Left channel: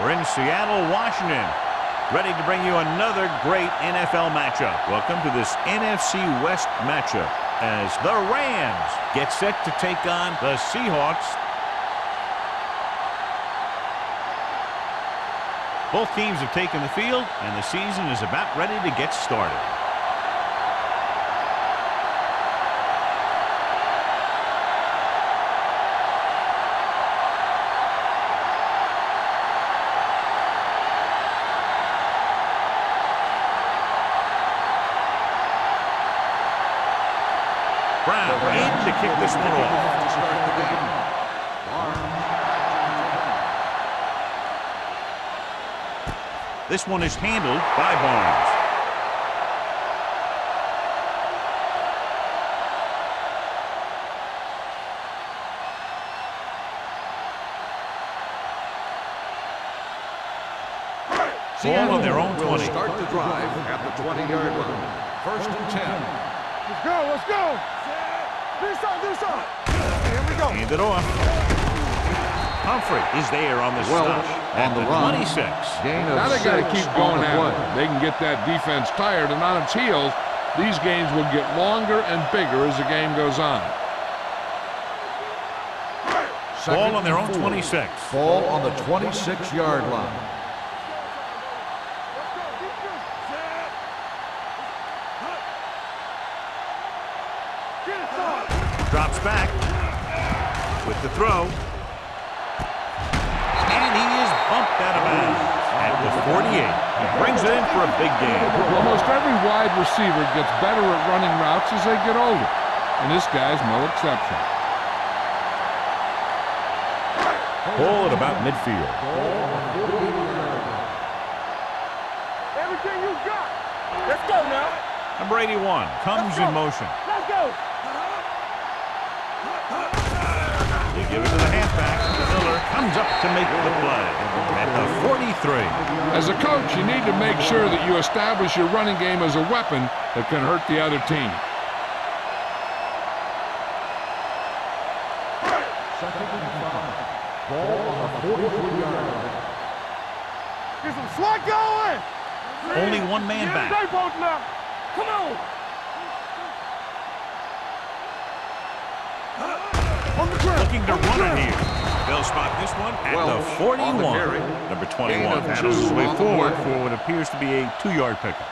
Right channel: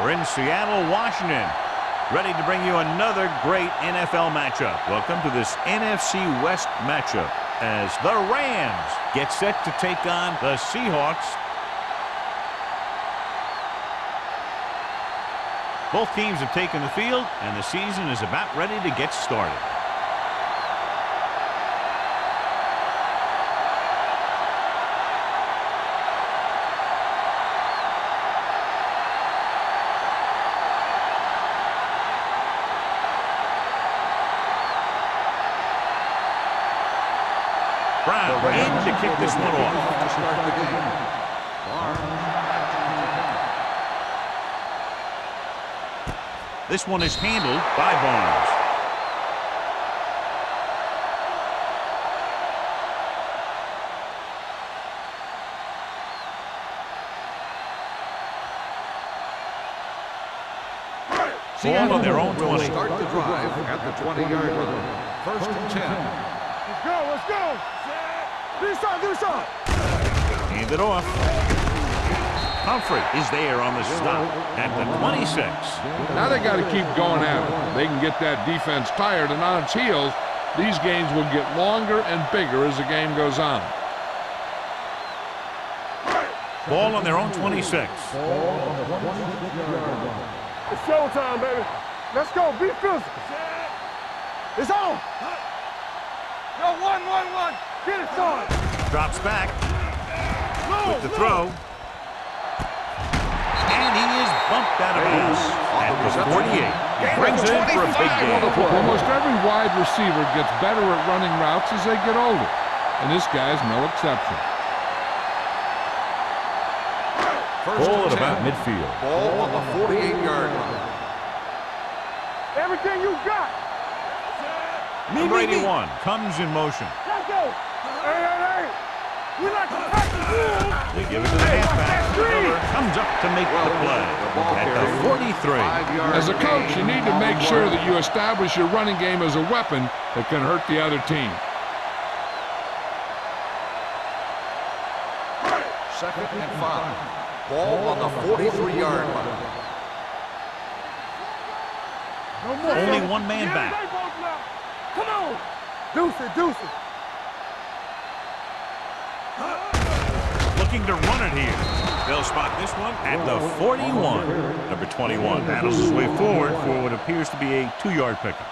We're in Seattle, Washington, ready to bring you another great NFL matchup. Welcome to this NFC West matchup as the Rams get set to take on the Seahawks. Both teams have taken the field, and the season is about ready to get started. Brown in to kick this one off. To start the game. Barnes action. This one is handled by Barnes. Ball on their own 20. Will start the drive at the 20-yard line. 1st and 10. Let's go, let's go. Do something. Hand it off. Humphrey is there on the stop at the 26. Now they got to keep going at it. They can get that defense tired and on its heels. These games will get longer and bigger as the game goes on. Ball on their own 26. Ball on the 26-yard line. It's showtime, baby. Let's go, beat this. Set. It's on. Go, one. Get it, son. Drops back with the throw. And he is bumped out of bounds at the 48. He brings it in for a big game. Almost every wide receiver gets better at running routes as they get older, and this guy's no exception. Ball at about midfield. Ball on the 48-yard line. Everything you got. Let's go, man. Number 81 comes in motion. Let's go. They give it to the halfback. Miller comes up to make the play at the 43. As a coach, you need to make sure that you establish your running game as a weapon that can hurt the other team. 2nd and 5. Ball on the 43-yard line. Get some slot going. Only one man back. Come on. Deuce it. Looking to run it here. They'll spot this one at the 41. Number 21 battles his way forward for what appears to be a 2-yard pickup.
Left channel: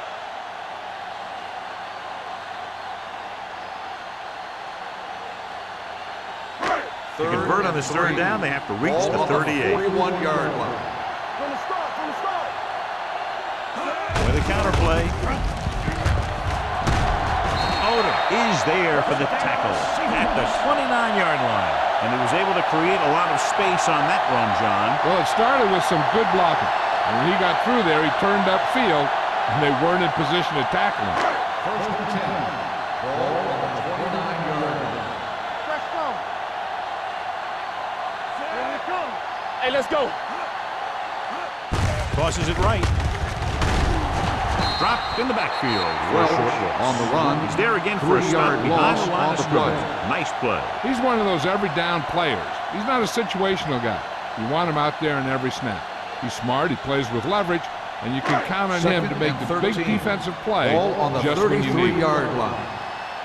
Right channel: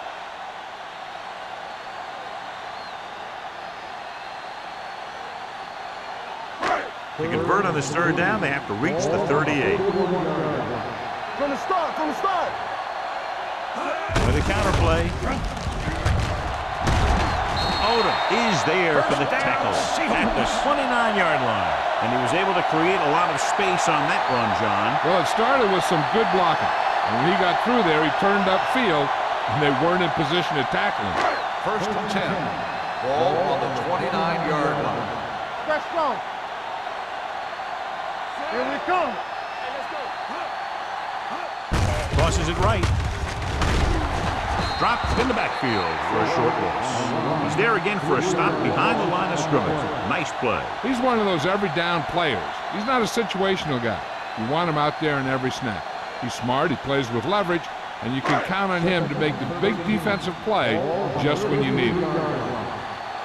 To convert on this 3rd down, they have to reach the 38. 41-yard line. From the start. With a counterplay. Odom is there for the tackle at the 29-yard line. And he was able to create a lot of space on that run, John. Well, it started with some good blocking. And when he got through there, he turned upfield, and they weren't in position to tackle him. 1st and 10. Ball on the 29-yard line. Fresh strong. Here we come. Hey, let's go. Tosses it right. Dropped in the backfield for a short loss. On the run. He's there again for a stop behind the line of scrimmage. Nice play. He's one of those every down players. He's not a situational guy. You want him out there in every snap. He's smart, he plays with leverage, and you can count on him to make the big defensive play just when you need it.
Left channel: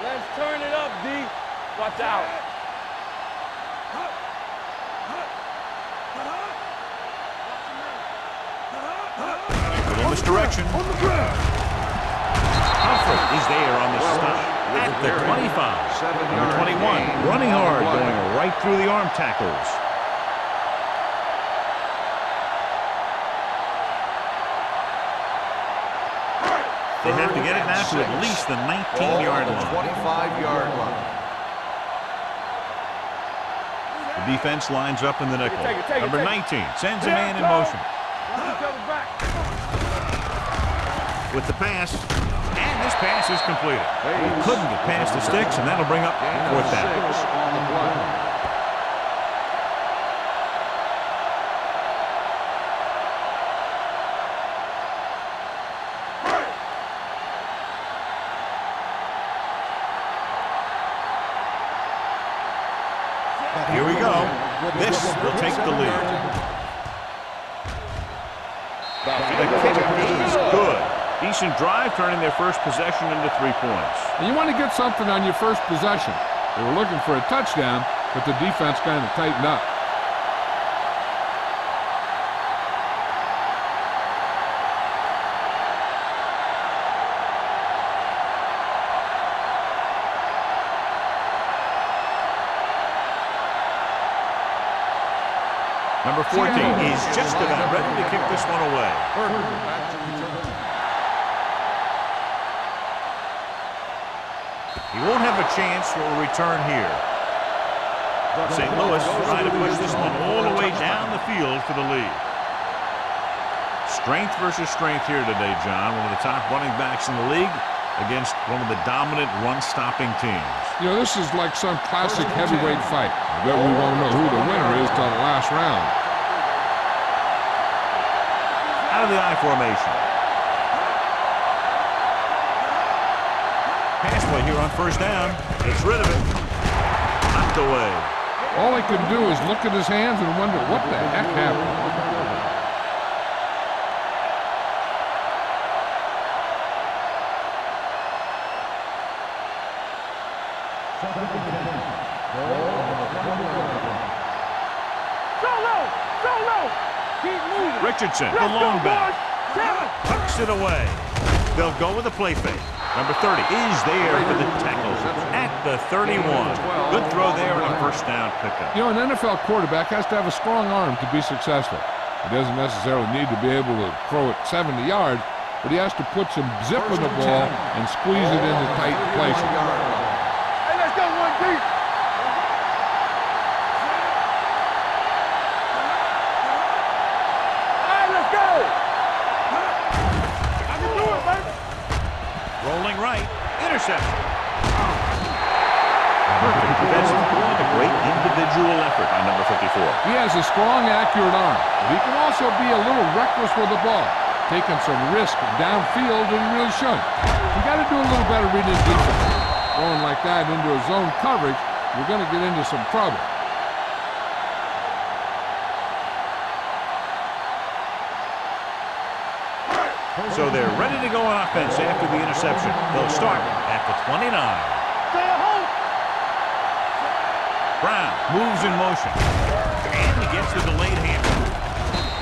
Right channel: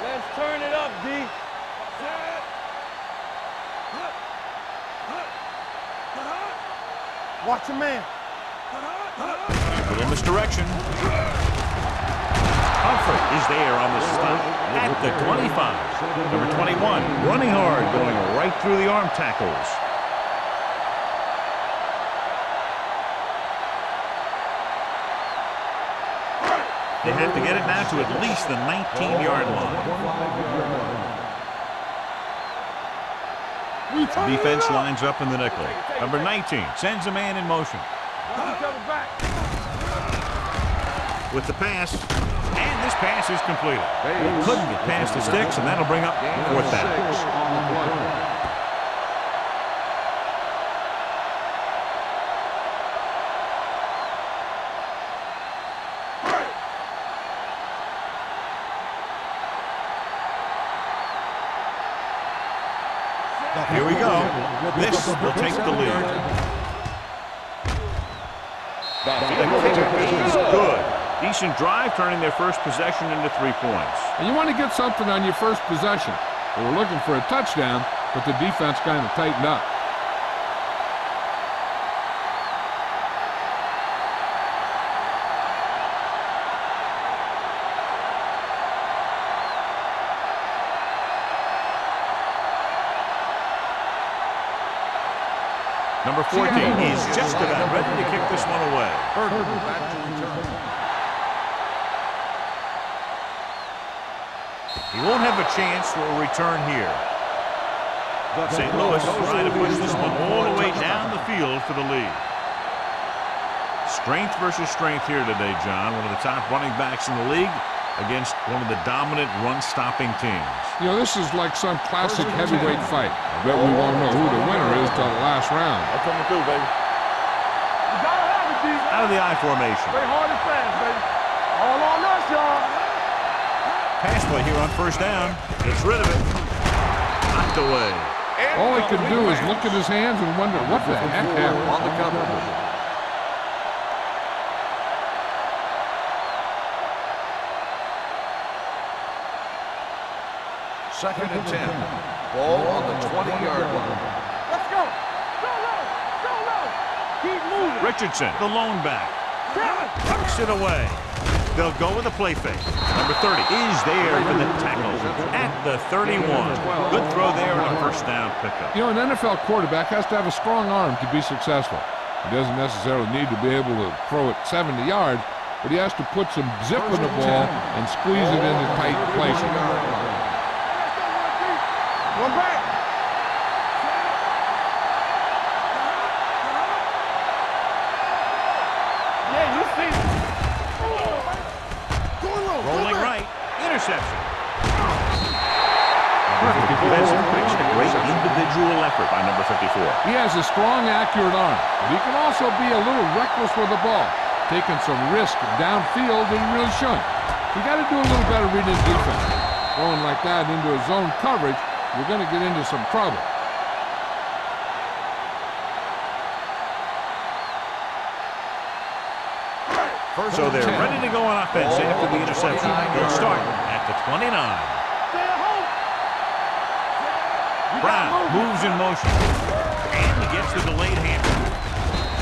Let's turn it up, D. Watch out. Watch your man. A little misdirection. Humphrey is there on the stop at the 25. Number 21 running hard, going right through the arm tackles. They have to get it now to at least the 19-yard line. 25-yard line. The defense lines up in the nickel. Number 19 sends a man in motion. With the pass, and this pass is completed. He couldn't get past the sticks, and that'll bring up 4th down. 6 on the play. Here we go. This will take the lead. The kick is good. Decent drive, turning their first possession into 3 points. And you want to get something on your first possession. They were looking for a touchdown, but the defense kind of tightened up. Number 14 is just about ready to kick this one away. Berger back to return. He won't have a chance for a return here. St. Louis trying to push this one all the way down the field for the lead. Strength versus strength here today, John. One of the top running backs in the league against one of the dominant run-stopping teams. You know, this is like some classic heavyweight fight. I bet we won't know who the winner is till the last round. Out of the I formation. Pass play here on first down. Gets rid of it. Knocked away. All he could do is look at his hands and wonder what the heck happened. On the cover. Second and 10. Ball on the 20-yard line. Let's go. So low. So low. Keep moving. Richardson, the lone back. Tucks it away. They'll go with a play fake. Number 30 is there for the tackle at the 31. Good throw there and a first down pickup. You know, an NFL quarterback has to have a strong arm to be successful. He doesn't necessarily need to be able to throw it 70 yards, but he has to put some zip in the ball and squeeze it into tight places. Hey, let's go one deep. One back. Hey, let's go. I can do it, baby. Rolling right. Interception. Perfect defensive play and a great individual effort by number 54. He has a strong, accurate arm, but he can also be a little reckless with the ball, taking some risk downfield that he really shouldn't. You got to do a little better reading defense. Throwing like that into a zone coverage, you're going to get into some trouble. So they're ready to go on offense after the interception. They'll start at the 29. Stay at home. Brown moves in motion. And he gets the delayed hand.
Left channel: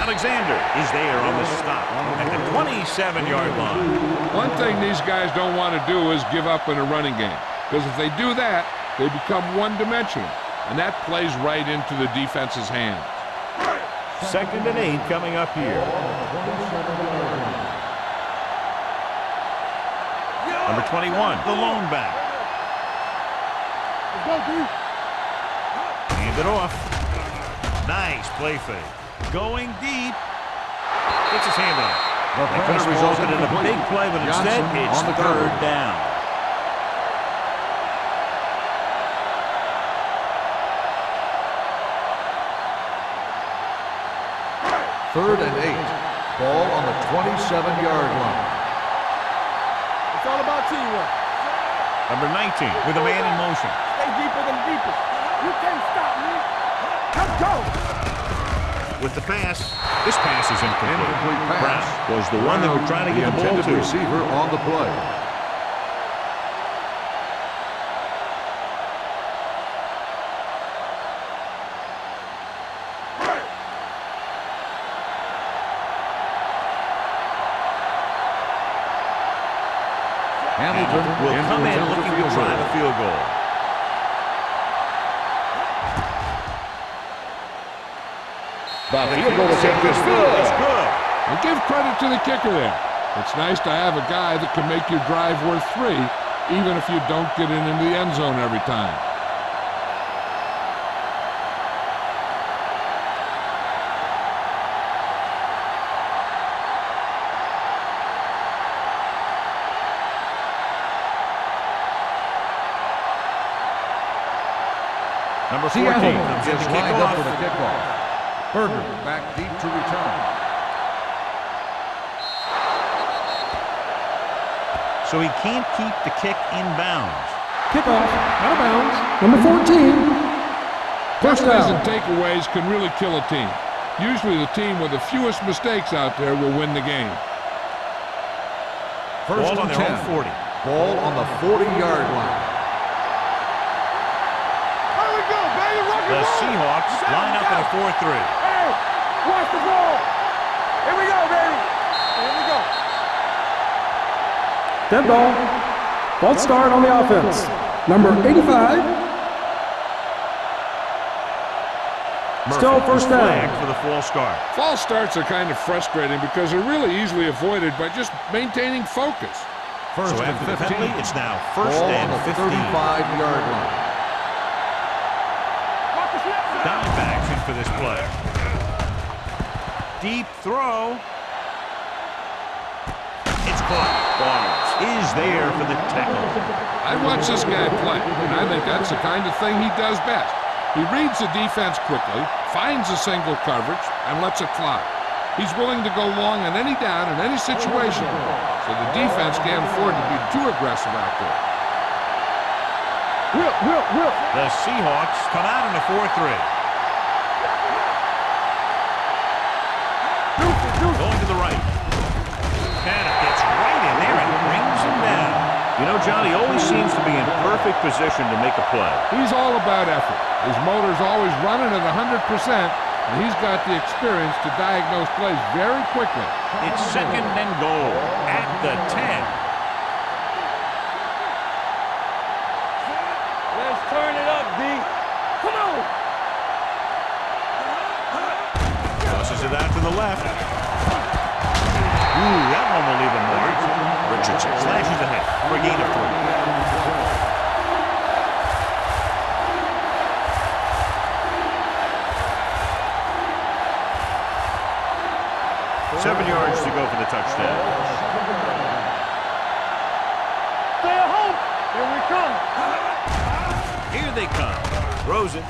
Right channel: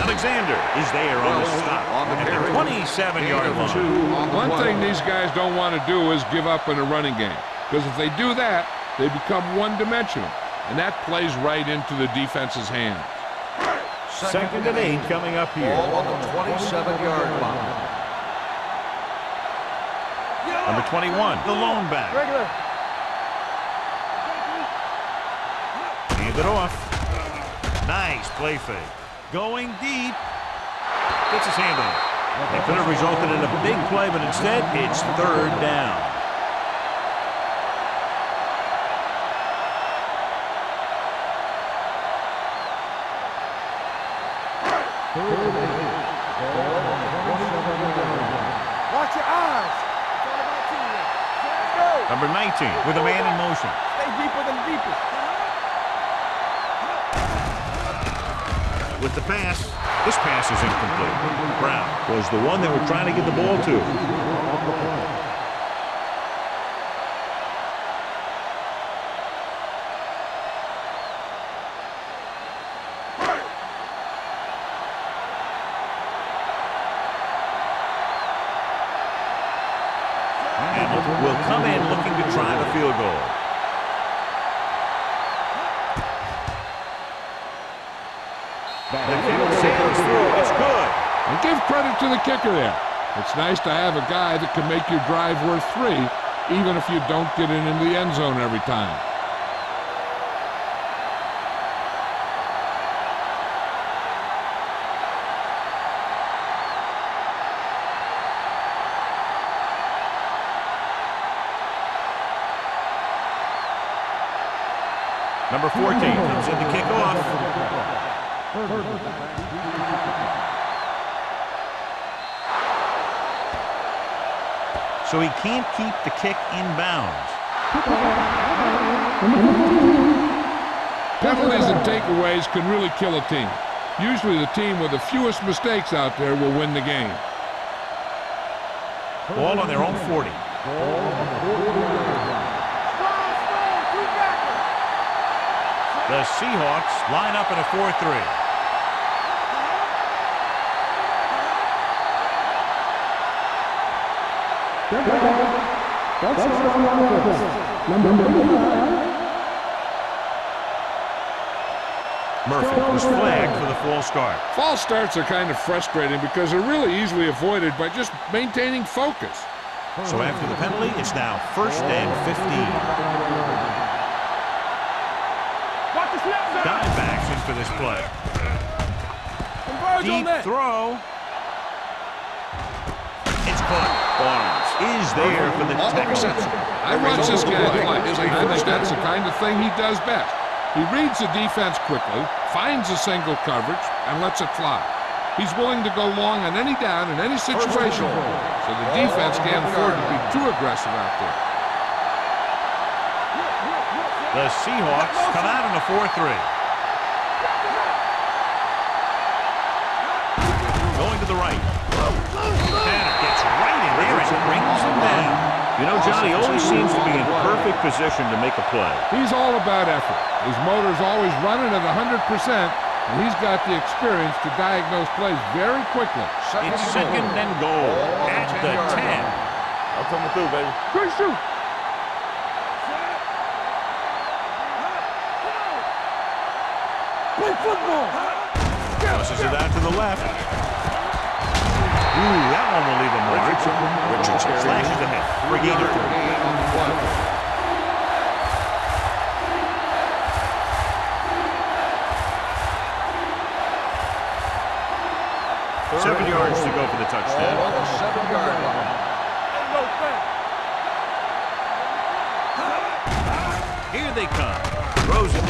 Alexander is there on the stop at the 27-yard line. One thing these guys don't want to do is give up in a running game, because if they do that, they become one-dimensional, and that plays right into the defense's hands. Second and 8 coming up here. On the 27-yard line. Number 21, the lone back. Hand it off. Nice play fake. Going deep. Gets his hand on it. That could have resulted in a big play, but instead it's third down. Third and 8. Ball on the 27-yard line. Watch your eyes. It's all about teamwork. Number 19 with a man in motion. Stay deeper than deepest. You can't stop me. With the pass, this pass is incomplete. Brown was the one that we're trying to get the ball to. Receiver on the play. Hamilton will come in looking to try the field goal. The kick sails through. It's good. And give credit to the kicker there. It's nice to have a guy that can make your drive worth 3, even if you don't get it into the end zone every time. Number 14 comes in to kick off. Berger back deep to return. So he can't keep the kick in bounds. Kickoff, out of bounds, number 14. Penalties and takeaways can really kill a team. Usually the team with the fewest mistakes out there will win the game. Ball on their own 40. Ball on the 40-yard line. The Seahawks line up in a 4-3. Watch the ball. Here we go, baby. Here we go. Dead ball. False start on the offense. Number 85. Murphy is flagged for the false start. False starts are kind of frustrating because they're really easily avoided by just maintaining focus. So after the penalty, it's now 1st and 15. Watch the snap. Diamondbacks in for this play. Deep throw. It's caught. Barnes is there for the tackle. I watch this guy play, and I think that's the kind of thing he does best. He reads the defense quickly, finds a single coverage, and lets it fly. He's willing to go long on any down in any situation, so the defense can't afford to be too aggressive out there. The Seahawks come out in a 4-3. Going to the right. Tanner gets right in there and brings him down. You know, John, he always seems to be in perfect position to make a play. He's all about effort. His motor's always running at 100%, and he's got the experience to diagnose plays very quickly. It's 2nd and goal at the 10. I'll come through, baby. Good shoot. Let's turn it up, D. Come on. Play football. Tosses it out to the left. Ooh, that one will leave a mark. Richardson slashes ahead for a gain of 3. 7 yards to go for the touchdown. Ball on the 7-yard line. Stay at home. Here we come. Here they come. Throws it.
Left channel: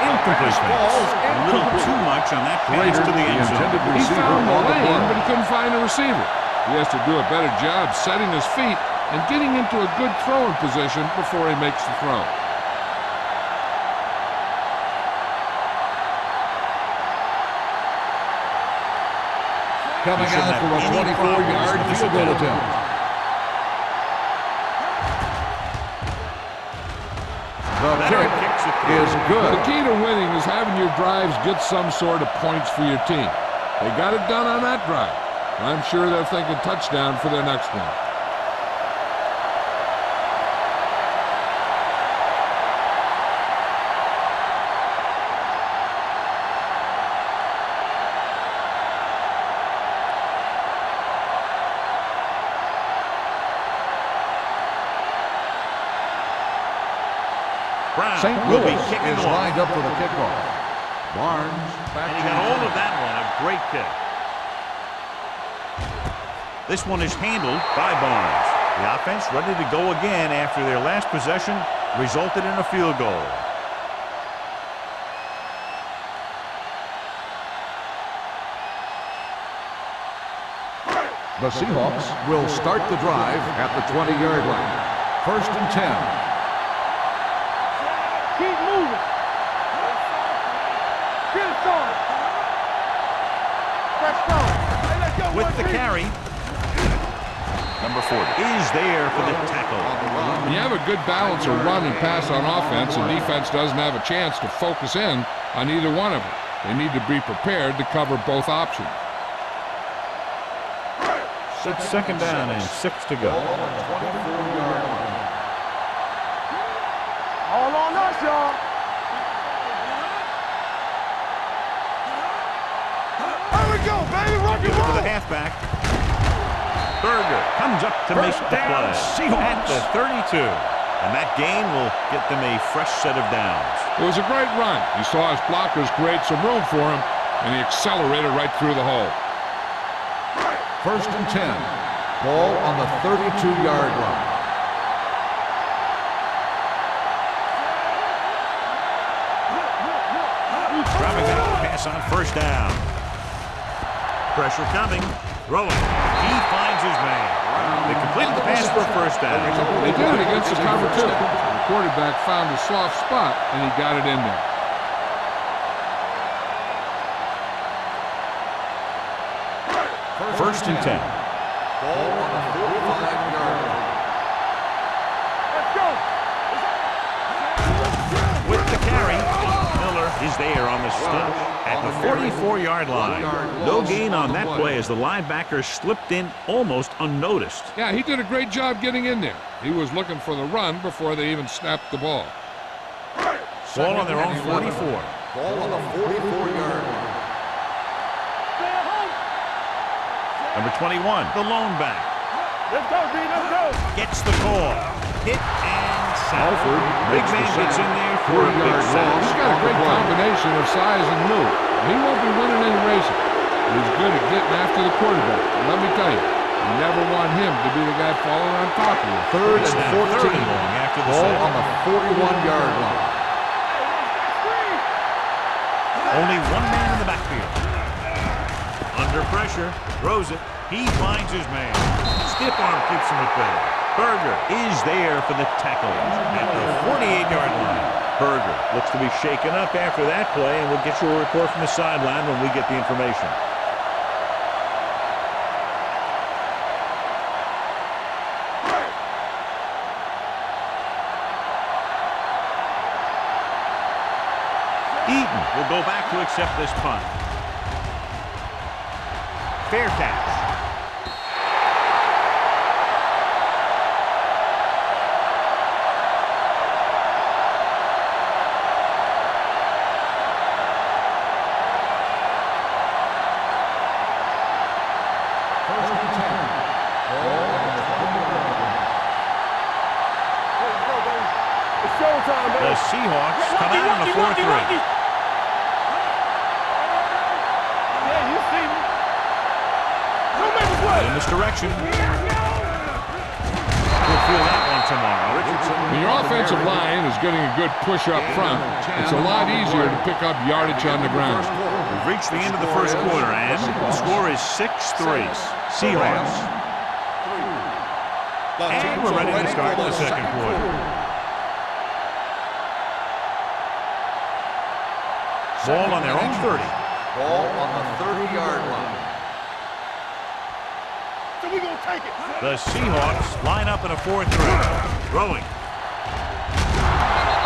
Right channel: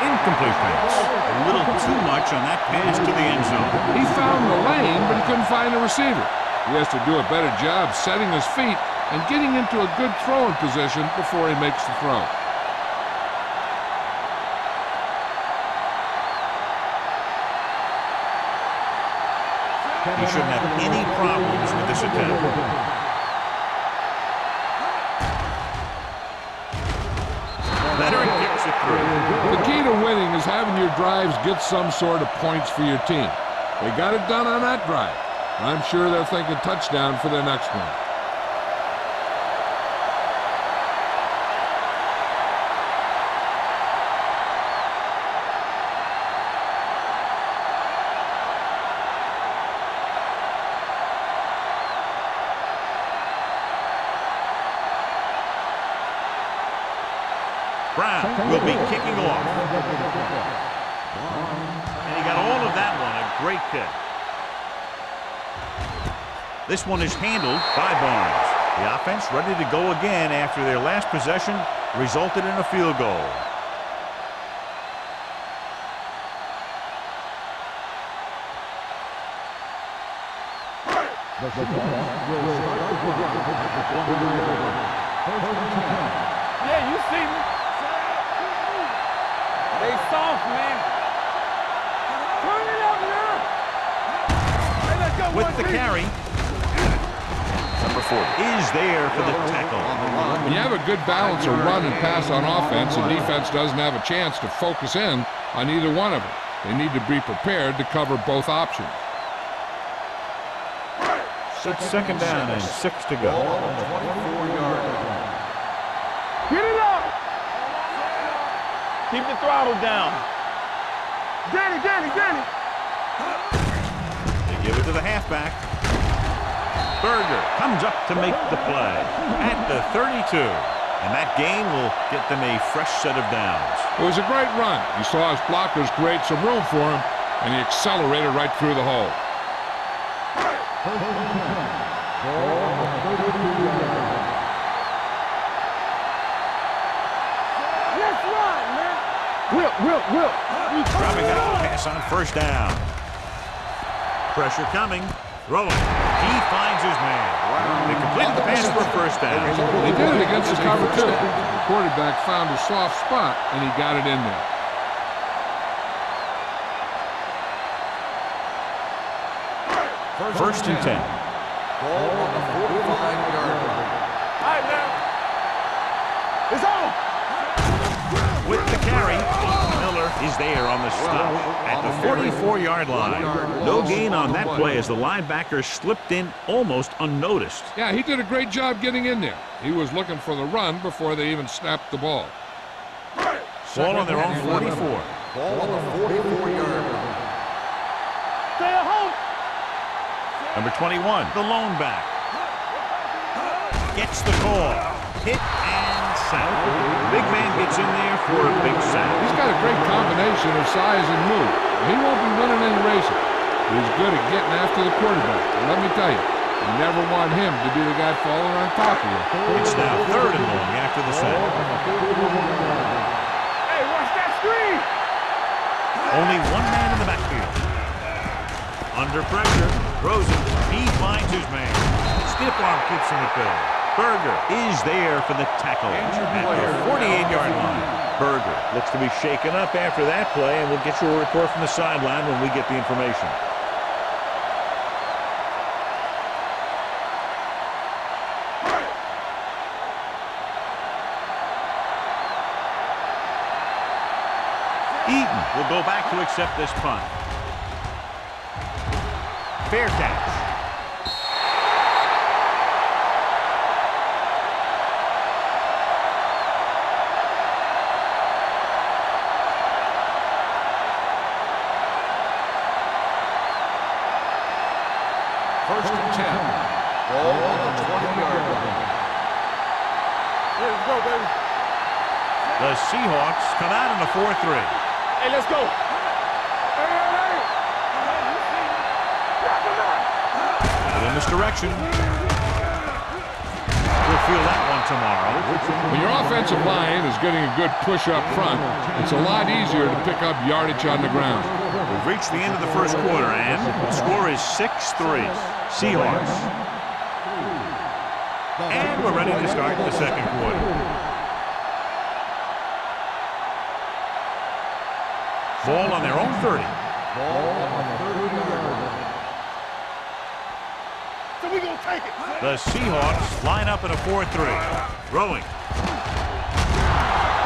Incomplete pass. A little too much on that pass to the end zone. He found the lane, but he couldn't find a receiver. He has to do a better job setting his feet and getting into a good throwing position before he makes the throw. He shouldn't have any problems with this attempt. Leonard kicks it through. The key to winning is having your drives get some sort of points for your team. They got it done on that drive. And I'm sure they're thinking touchdown for their next one. Brown will be kicking off. Lined up for the kickoff. Barnes. And he got all of that one. A great kick. This one is handled by Barnes. The offense ready to go again after their last possession resulted in a field goal. The Seahawks will start the drive at the 20-yard line. 1st and 10. Yeah, you see me. Keep moving. They soft, man. Get it going. Turn it up now. Let's go. Hey, let's go. With the carry, number 40 is there for the tackle. On the run. When you have a good balance of run and pass on offense, the defense doesn't have a chance to focus in on either one of them. They need to be prepared to cover both options. It's 2nd down and 6 to go. Ball on the 24-yard line. Get it up. All on us, y'all. Keep the throttle down. Danny. Here we go, baby. Give it to the halfback. Berger comes up to make the play at the 32. And that gain will get them a fresh set of downs. It was a great run. He saw his blockers create some room for him, and he accelerated right through the hole. 1st and 10. Ball on the 32-yard line. Let's run, man. Whip. Dropping back to pass on 1st down. Pressure coming. Throwing. He finds his man. They completed the pass for a 1st down. They did it against the cover, too. The quarterback found a soft spot, and he got it in there. First and 10. Ball on the 45-yard line. All right, now. Let's go. It's on. With the carry, Miller is there on the stop at the 44-yard line. No gain on that play as the linebacker slipped in almost unnoticed. Yeah, he did a great job getting in there. He was looking for the run before they even snapped the ball. Ball on their own 44. Ball on the 44-yard line. Stay at home. Number 21, the lone back. Gets the call. Hit and sack. The big man gets in there for a big sack. He's got a great combination of size and move. He won't be winning any races, but he's good at getting after the quarterback. And let me tell you, you never want him to be the guy falling on top of you. It's now 3rd and long after the sack. Ball on the 41-yard line. Hey, watch that screen. Only one man in the backfield. Under pressure, throws it. He finds his man. Stiff arm keeps him at bay. Berger is there for the tackle at the 48-yard line. Berger looks to be shaken up after that play, and we'll get you a report from the sideline when we get the information. Eaton will go back to accept this punt. Fair catch. First and 10. Ball on the 20-yard line. Yeah, let's go, baby. It's showtime, baby. The Seahawks come out in a 4-3. Hey, let's go. Hey. Yeah, you see me. In this direction. We'll feel that one tomorrow. When your offensive line is getting a good push up front, it's a lot easier to pick up yardage on the ground. We've reached the end of the first quarter, and the score is 6-3. Seahawks. And we're ready to start the second quarter. Ball on their own 30. Ball on the 30-yard line. So we gonna take it. The Seahawks line up in a 4-3. Throwing.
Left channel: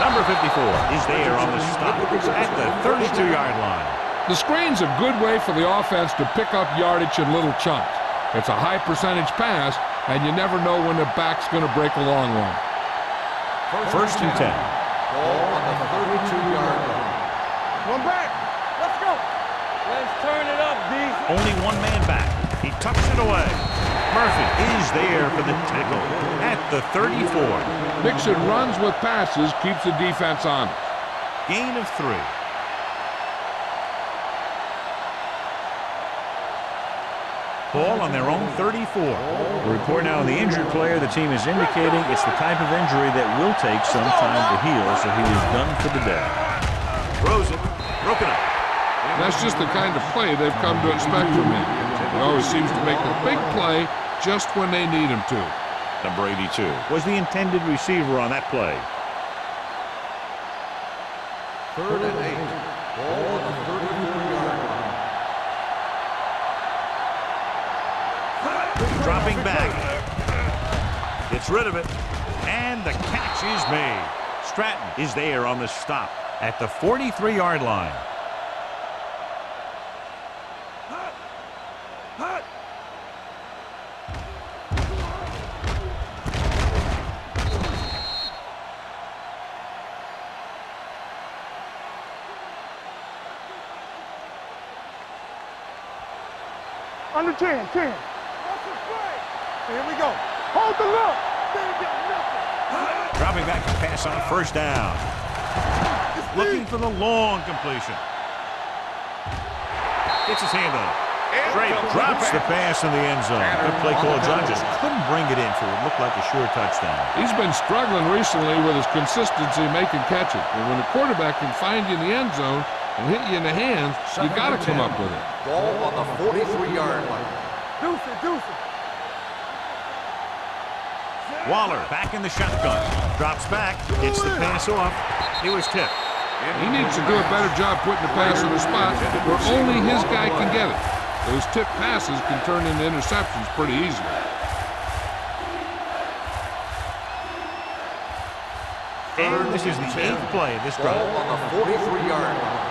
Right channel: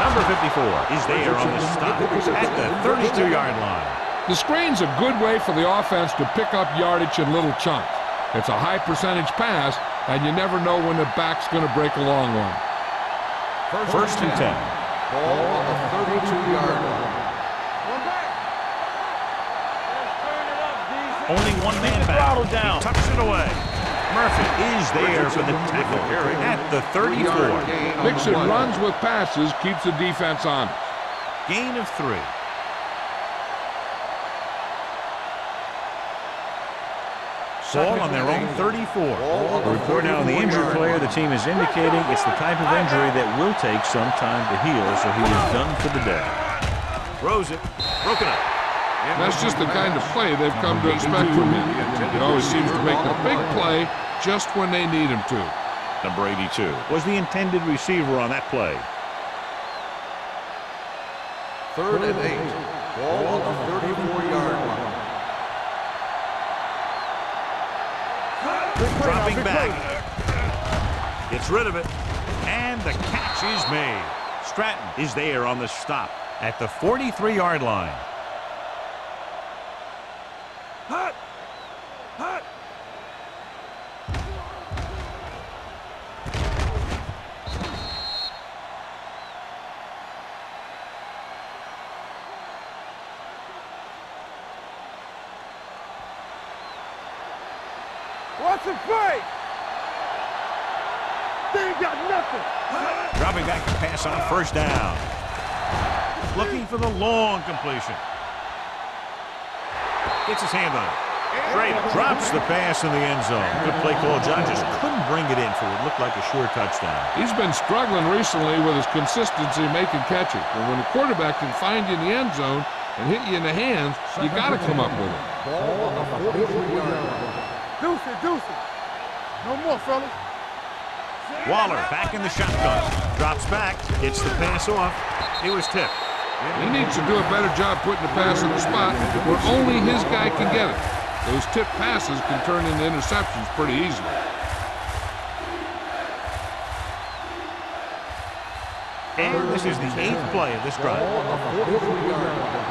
Number 54 is there on the stop at the 32-yard line. The screen's a good way for the offense to pick up yardage in little chunks. It's a high percentage pass, and you never know when the back's going to break a long one. First and 10. Ball on the 32-yard line. One back. Let's go. Let's turn it up, D. Only one man back. He tucks it away. Murphy is there for the tackle at the 34. Mixing runs with passes keeps the defense honest. Gain of 3. Ball on their own 34. A report now on the injured player. The team is indicating it's the type of injury that will take some time to heal, so he is done for the day. Throws it. Broken up. That's just the kind of play they've come to expect from him. He always seems to make the big play just when they need him to. Number 82 was the intended receiver on that play. 3rd and 8. Ball on the 34-yard line. Dropping back. Gets rid of it. And the catch is made. Stratton is there on the stop at the 43-yard line. Hot. Hot. Under 10. Watch the play. Here we go. Hold the look. They ain't got nothing. Dropping back to pass on first down. Looking for the long completion. Gets his hand on it. Straight drops the pass in the end zone. Good play call. John just couldn't bring it in for what looked like a sure touchdown. He's been struggling recently with his consistency making catches. But when a quarterback can find you in the end zone and hit you in the hands, you got to come up with it. Ball on the 43-yard line. Deuce it. No more, fellas. Waller back in the shotgun. Drops back. Gets the pass off. It was tipped. He needs to do a better job putting the pass in the spot where only his guy can get it. Those tip passes can turn into interceptions pretty easily. And this is the 8th play of this drive. Ball on the 43-yard line.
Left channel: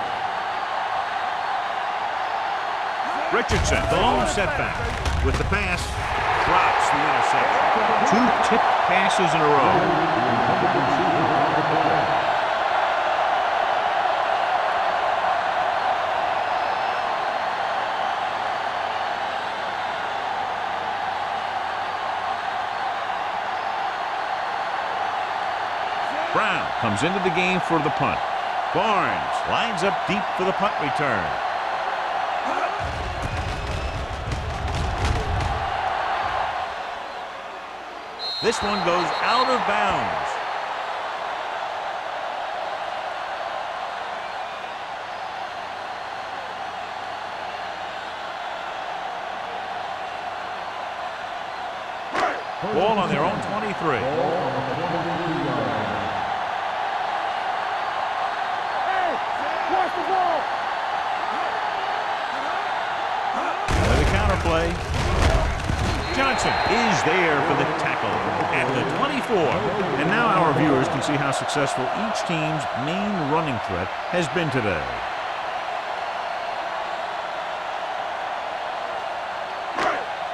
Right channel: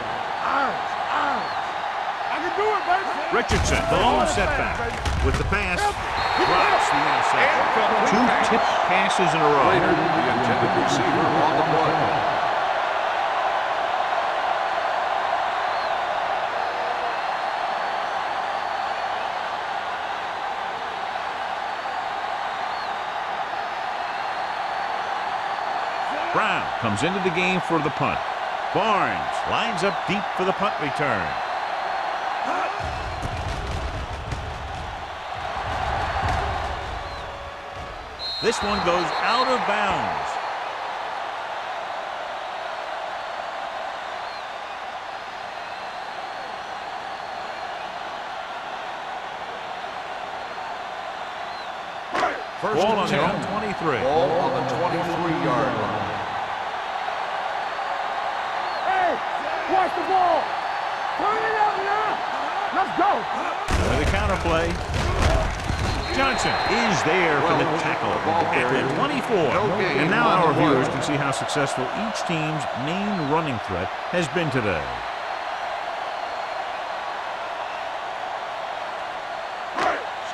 Richardson, the lone setback. With the pass, drops the interception. 2 tip passes in a row. The intended receiver on the play. Brown comes into the game for the punt. Barnes lines up deep for the punt return. This one goes out of bounds. Ball on their own 23. Ball on the 23-yard line. Watch the ball. Let's go. With a counter play. Johnson is there for the tackle at the 24. And now our viewers can see how successful each team's main running threat has been today.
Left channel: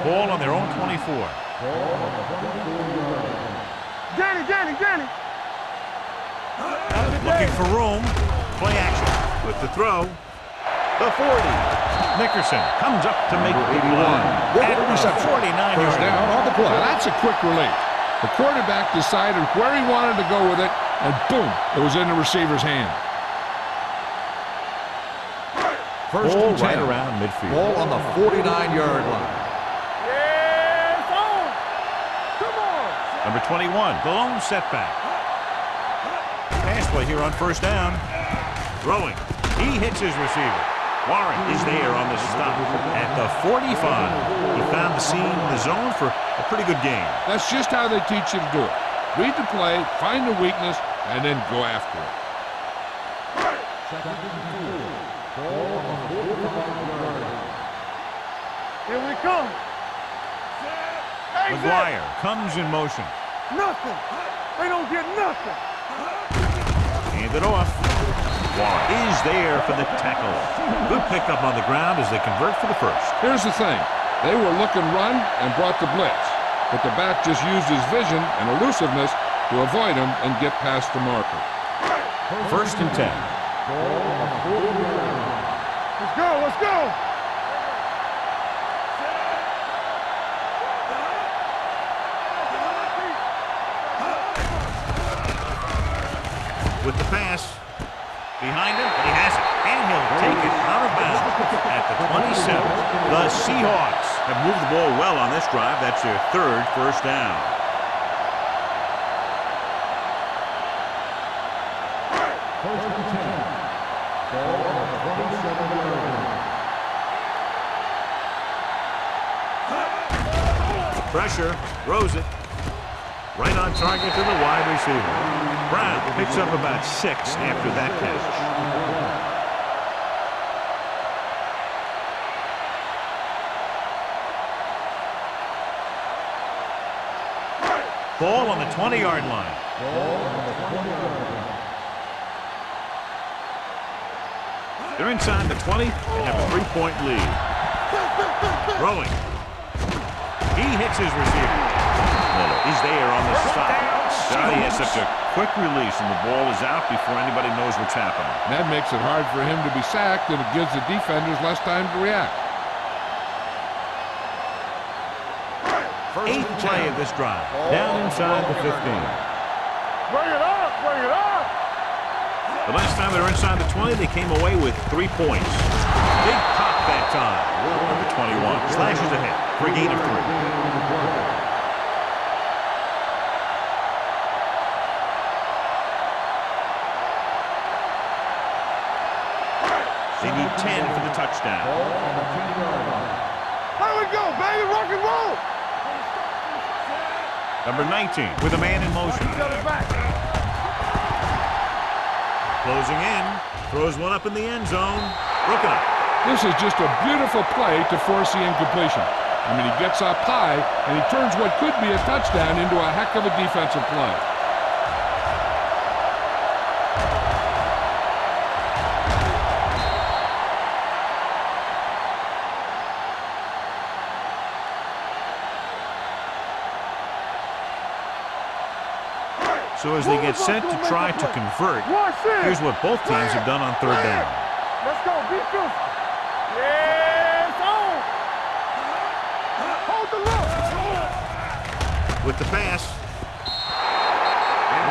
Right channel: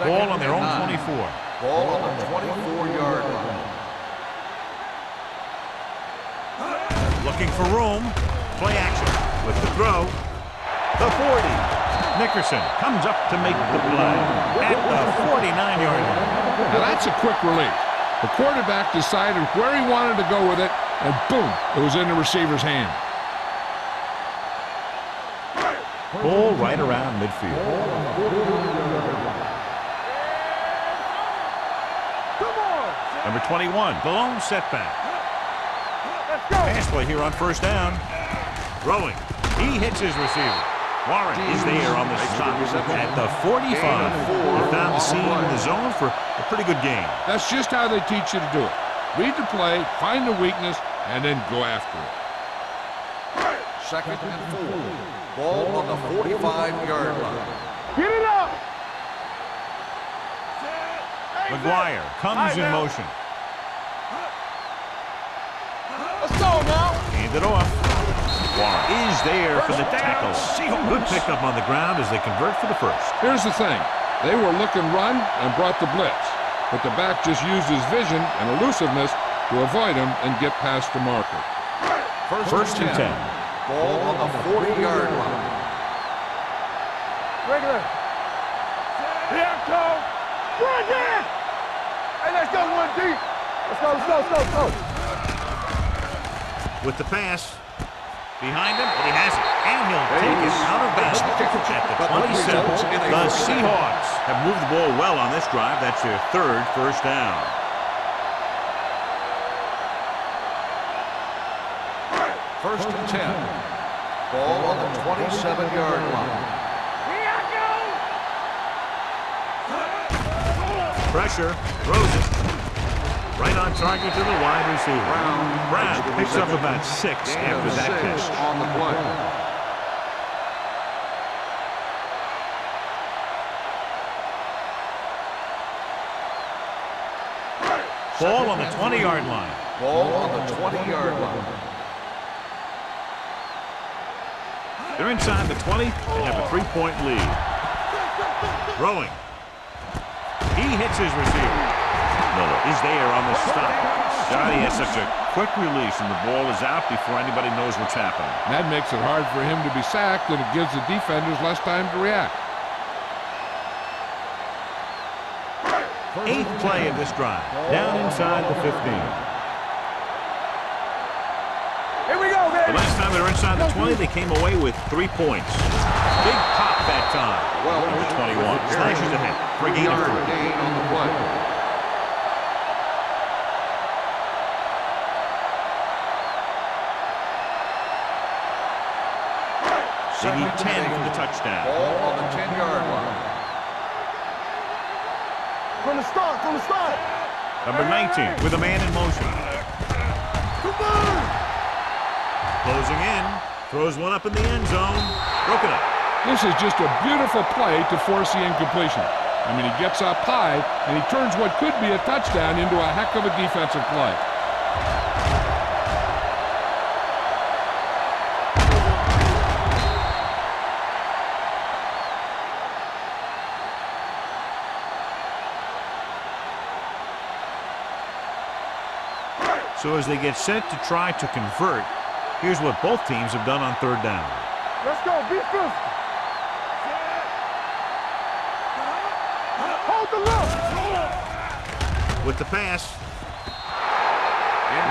Ball on their own 24. Ball on the 24-yard line. Danny. Looking for room. Play action with the throw. The 40. Nickerson comes up to make the play at the 49-yard line. Now that's a quick release. The quarterback decided where he wanted to go with it, and boom, it was in the receiver's hand. Ball right around midfield. Ball on the 49-yard line. Yeah, it's on. Come on. Number 21, the lone setback. Pass play here on first down. Throwing. He hits his receiver. Warren is there on the stop at the 45. He found the seam in the zone for a pretty good game. That's just how they teach you to do it. Read the play, find the weakness, and then go after it. Second and 4. Ball on the 45-yard line. Get it up. Here we come. Hey, McGuire Zach. comes Hey, in man. motion. Nothing. They don't get nothing. Let's go now. Hand it off. Warren is there for the tackle. Good pickup on the ground as they convert for the first. Here's the thing. They were looking run and brought the blitz, but the back just used his vision and elusiveness to avoid him and get past the marker. First and 10. Ball on the 40-yard line. Let's go. Regular. Yeah, go. One down. Hey, let's go one deep. Let's go. With the pass. Behind him, but he has it. And he'll take it out of bounds at the 27. The Seahawks have moved the ball well on this drive. That's their 3rd first down. First and 10. Ball on the 27-yard line. Pressure, throws it. Right on target to the wide receiver. Brown picks up about 6 after that catch. On the play. Ball on the 20-yard line. Ball on the 20-yard line. They're inside the 20 and have a 3-point lead. Throwing. He hits his receiver. Miller is there on the stop. Johnny has such a quick release and the ball is out before anybody knows what's happening. That makes it hard for him to be sacked, and it gives the defenders less time to react. 8th play of this drive. Down inside the 15. Bring it up. Here we go. The last time they were inside the 20, they came away with 3 points. Big pop that time. Number 21 slashes ahead for a gain of 3. They need 10 for the touchdown. Ball on the 10-yard line. Here we go, baby. Rock and roll. From the start. Number 19 with a man in motion. Closing in. Throws one up in the end zone. Broken up. This is just a beautiful play to force the incompletion. I mean, he gets up high, and he turns what could be a touchdown into a heck of a defensive play. So as they get set to try to convert, here's what both teams have done on third down. Let's go. Be physical. Yeah, hold the look. With the pass.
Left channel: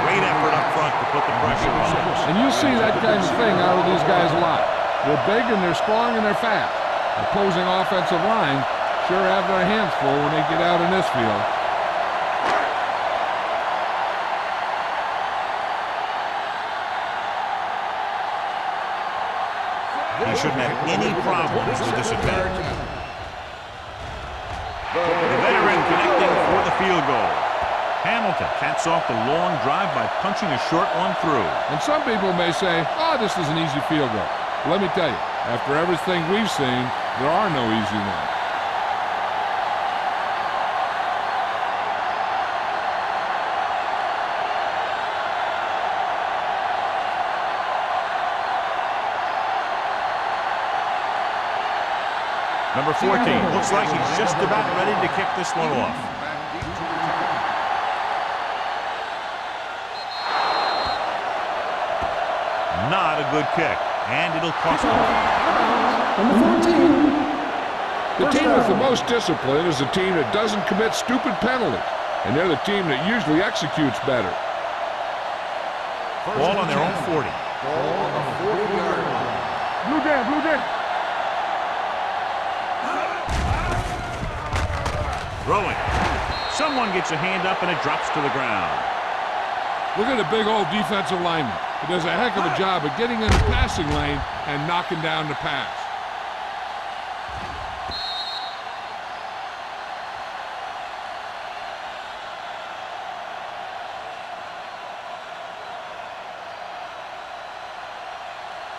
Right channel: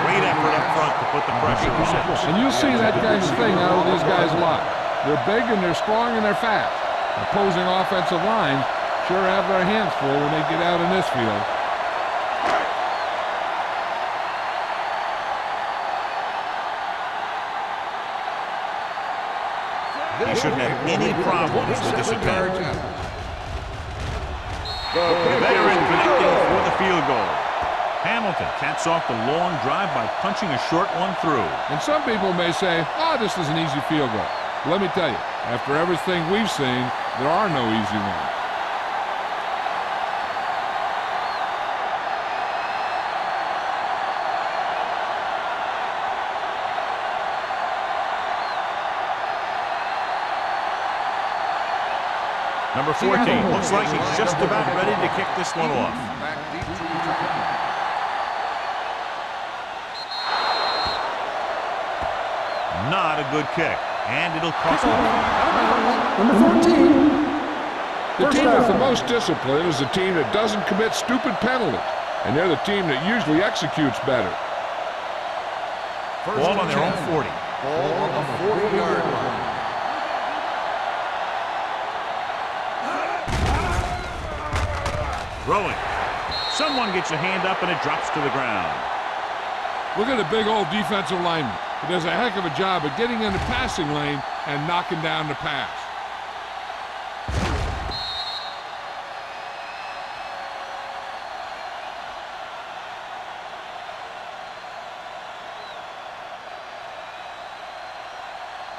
Great effort up front to put the pressure on. And you'll see that kind of thing out of these guys a lot. They're big and they're strong and they're fast. Opposing offensive lines sure have their hands full when they get out in this field. He shouldn't have any problems with this attempt. The veteran connecting for the field goal. Hamilton caps off the long drive by punching a short one through. And some people may say, oh, this is an easy field goal. Let me tell you, after everything we've seen, there are no easy ones. Number 14 looks like he's just about ready to kick this one off. Back deep to return. Not a good kick, and it'll cost him. Number 14. The team with the most discipline is the team that doesn't commit stupid penalties, and they're the team that usually executes better. Ball on their own 40. Ball on the 40-yard line. Blue down, blue down. Throwing. Someone gets a hand up and it drops to the ground. Look at the big old defensive lineman. He does a heck of a job of getting in the passing lane and knocking down the pass.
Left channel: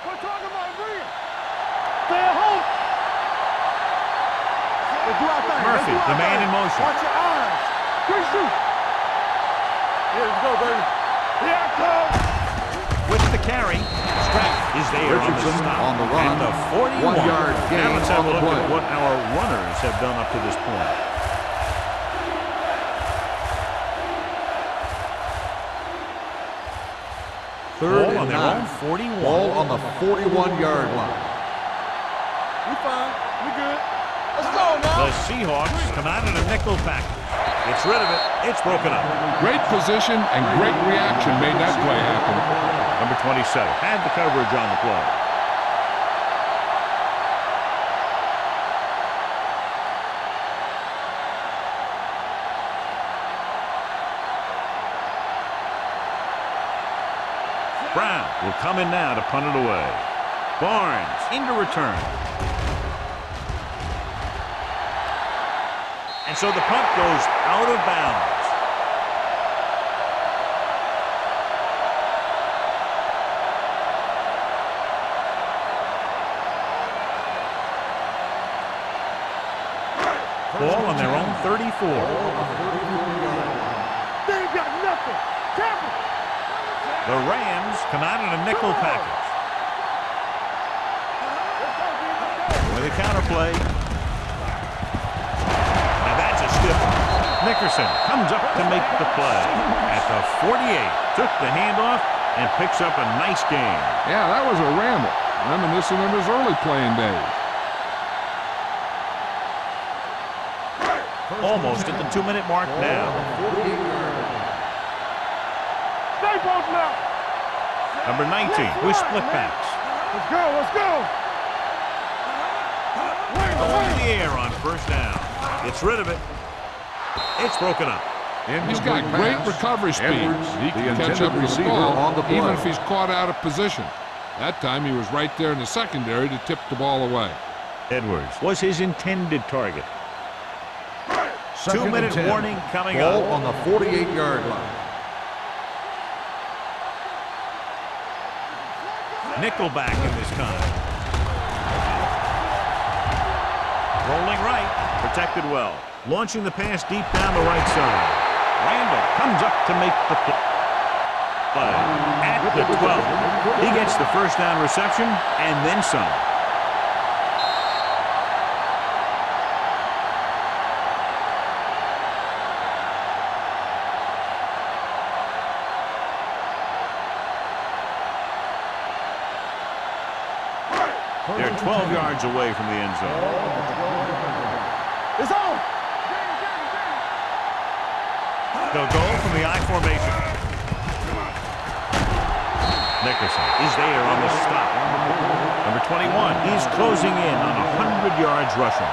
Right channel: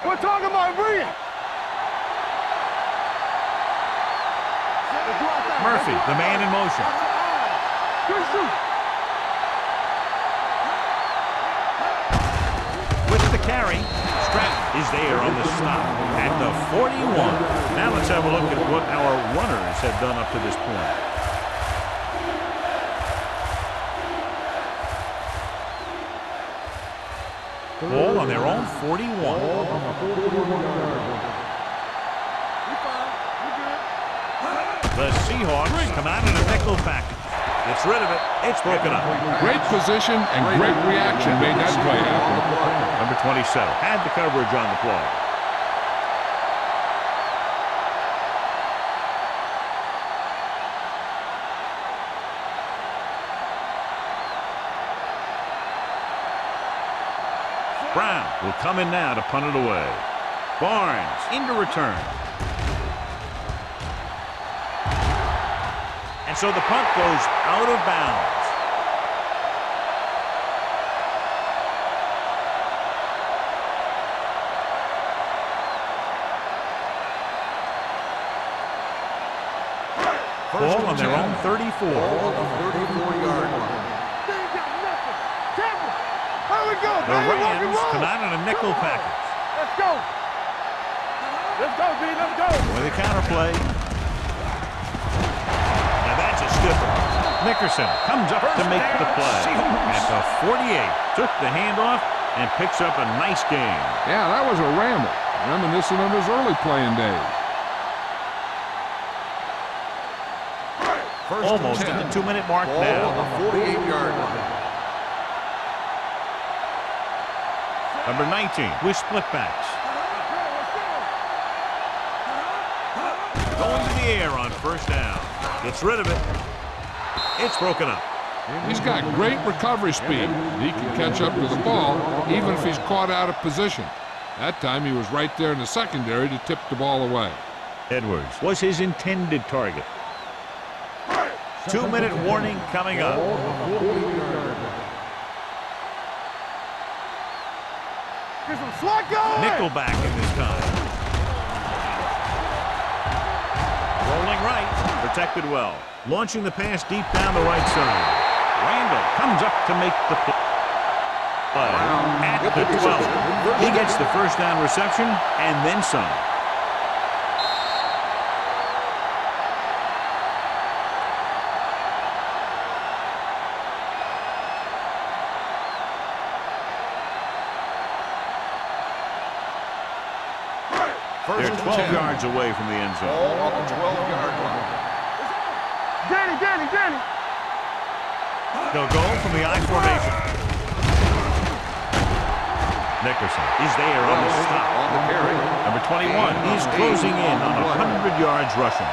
We're talking about Bria. Let's do our thing. Murphy, the man in motion. Watch your eyes. Good shoot. Here we go, baby. With the carry, Stratton is there on the stop at the 41. Now let's have a look at what our runners have done up to this point. Ball on their own 41. Ball on the 41-yard line. We fine. We good. The Seahawks come out in a nickel package. Gets rid of it. It's broken up. Great position and great reaction made that play happen. Number 27 had the coverage on the play. Brown will come in now to punt it away. Barnes into return. And so the punt goes out of bounds. Ball on their own 34. Ball on the 34-yard line. They ain't got nothing. Tampa. There we go. The Rams come out in a nickel package. Let's go. Let's go, B. Let's go. With a counterplay. Now that's a stiff one. Nickerson comes up to make the play. At the 48, took the handoff and picks up a nice gain. Yeah, that was a ramble, reminiscent of his early playing days. Almost at the 2-minute mark Ball now. on the 48-yard line. Stay both now. Number 19 with split backs. Let's go. Let's go. Going to the air on first down. Gets rid of it. It's broken up. He's got great recovery speed. He can catch up to the ball even if he's caught out of position. That time he was right there in the secondary to tip the ball away. Edwards was his intended target. 2-minute warning coming up. Ball on the 48-yard line. Nickelback in this time. Rolling right, protected well. Launching the pass deep down the right side. Randall comes up to make the play. At the 12. He gets the first down reception and then some. They're 12 yards away from the end zone. It's on. Get it. They'll go from the I formation. Nickerson is there on the stop. Number 21, he's closing in on 100 yards rushing.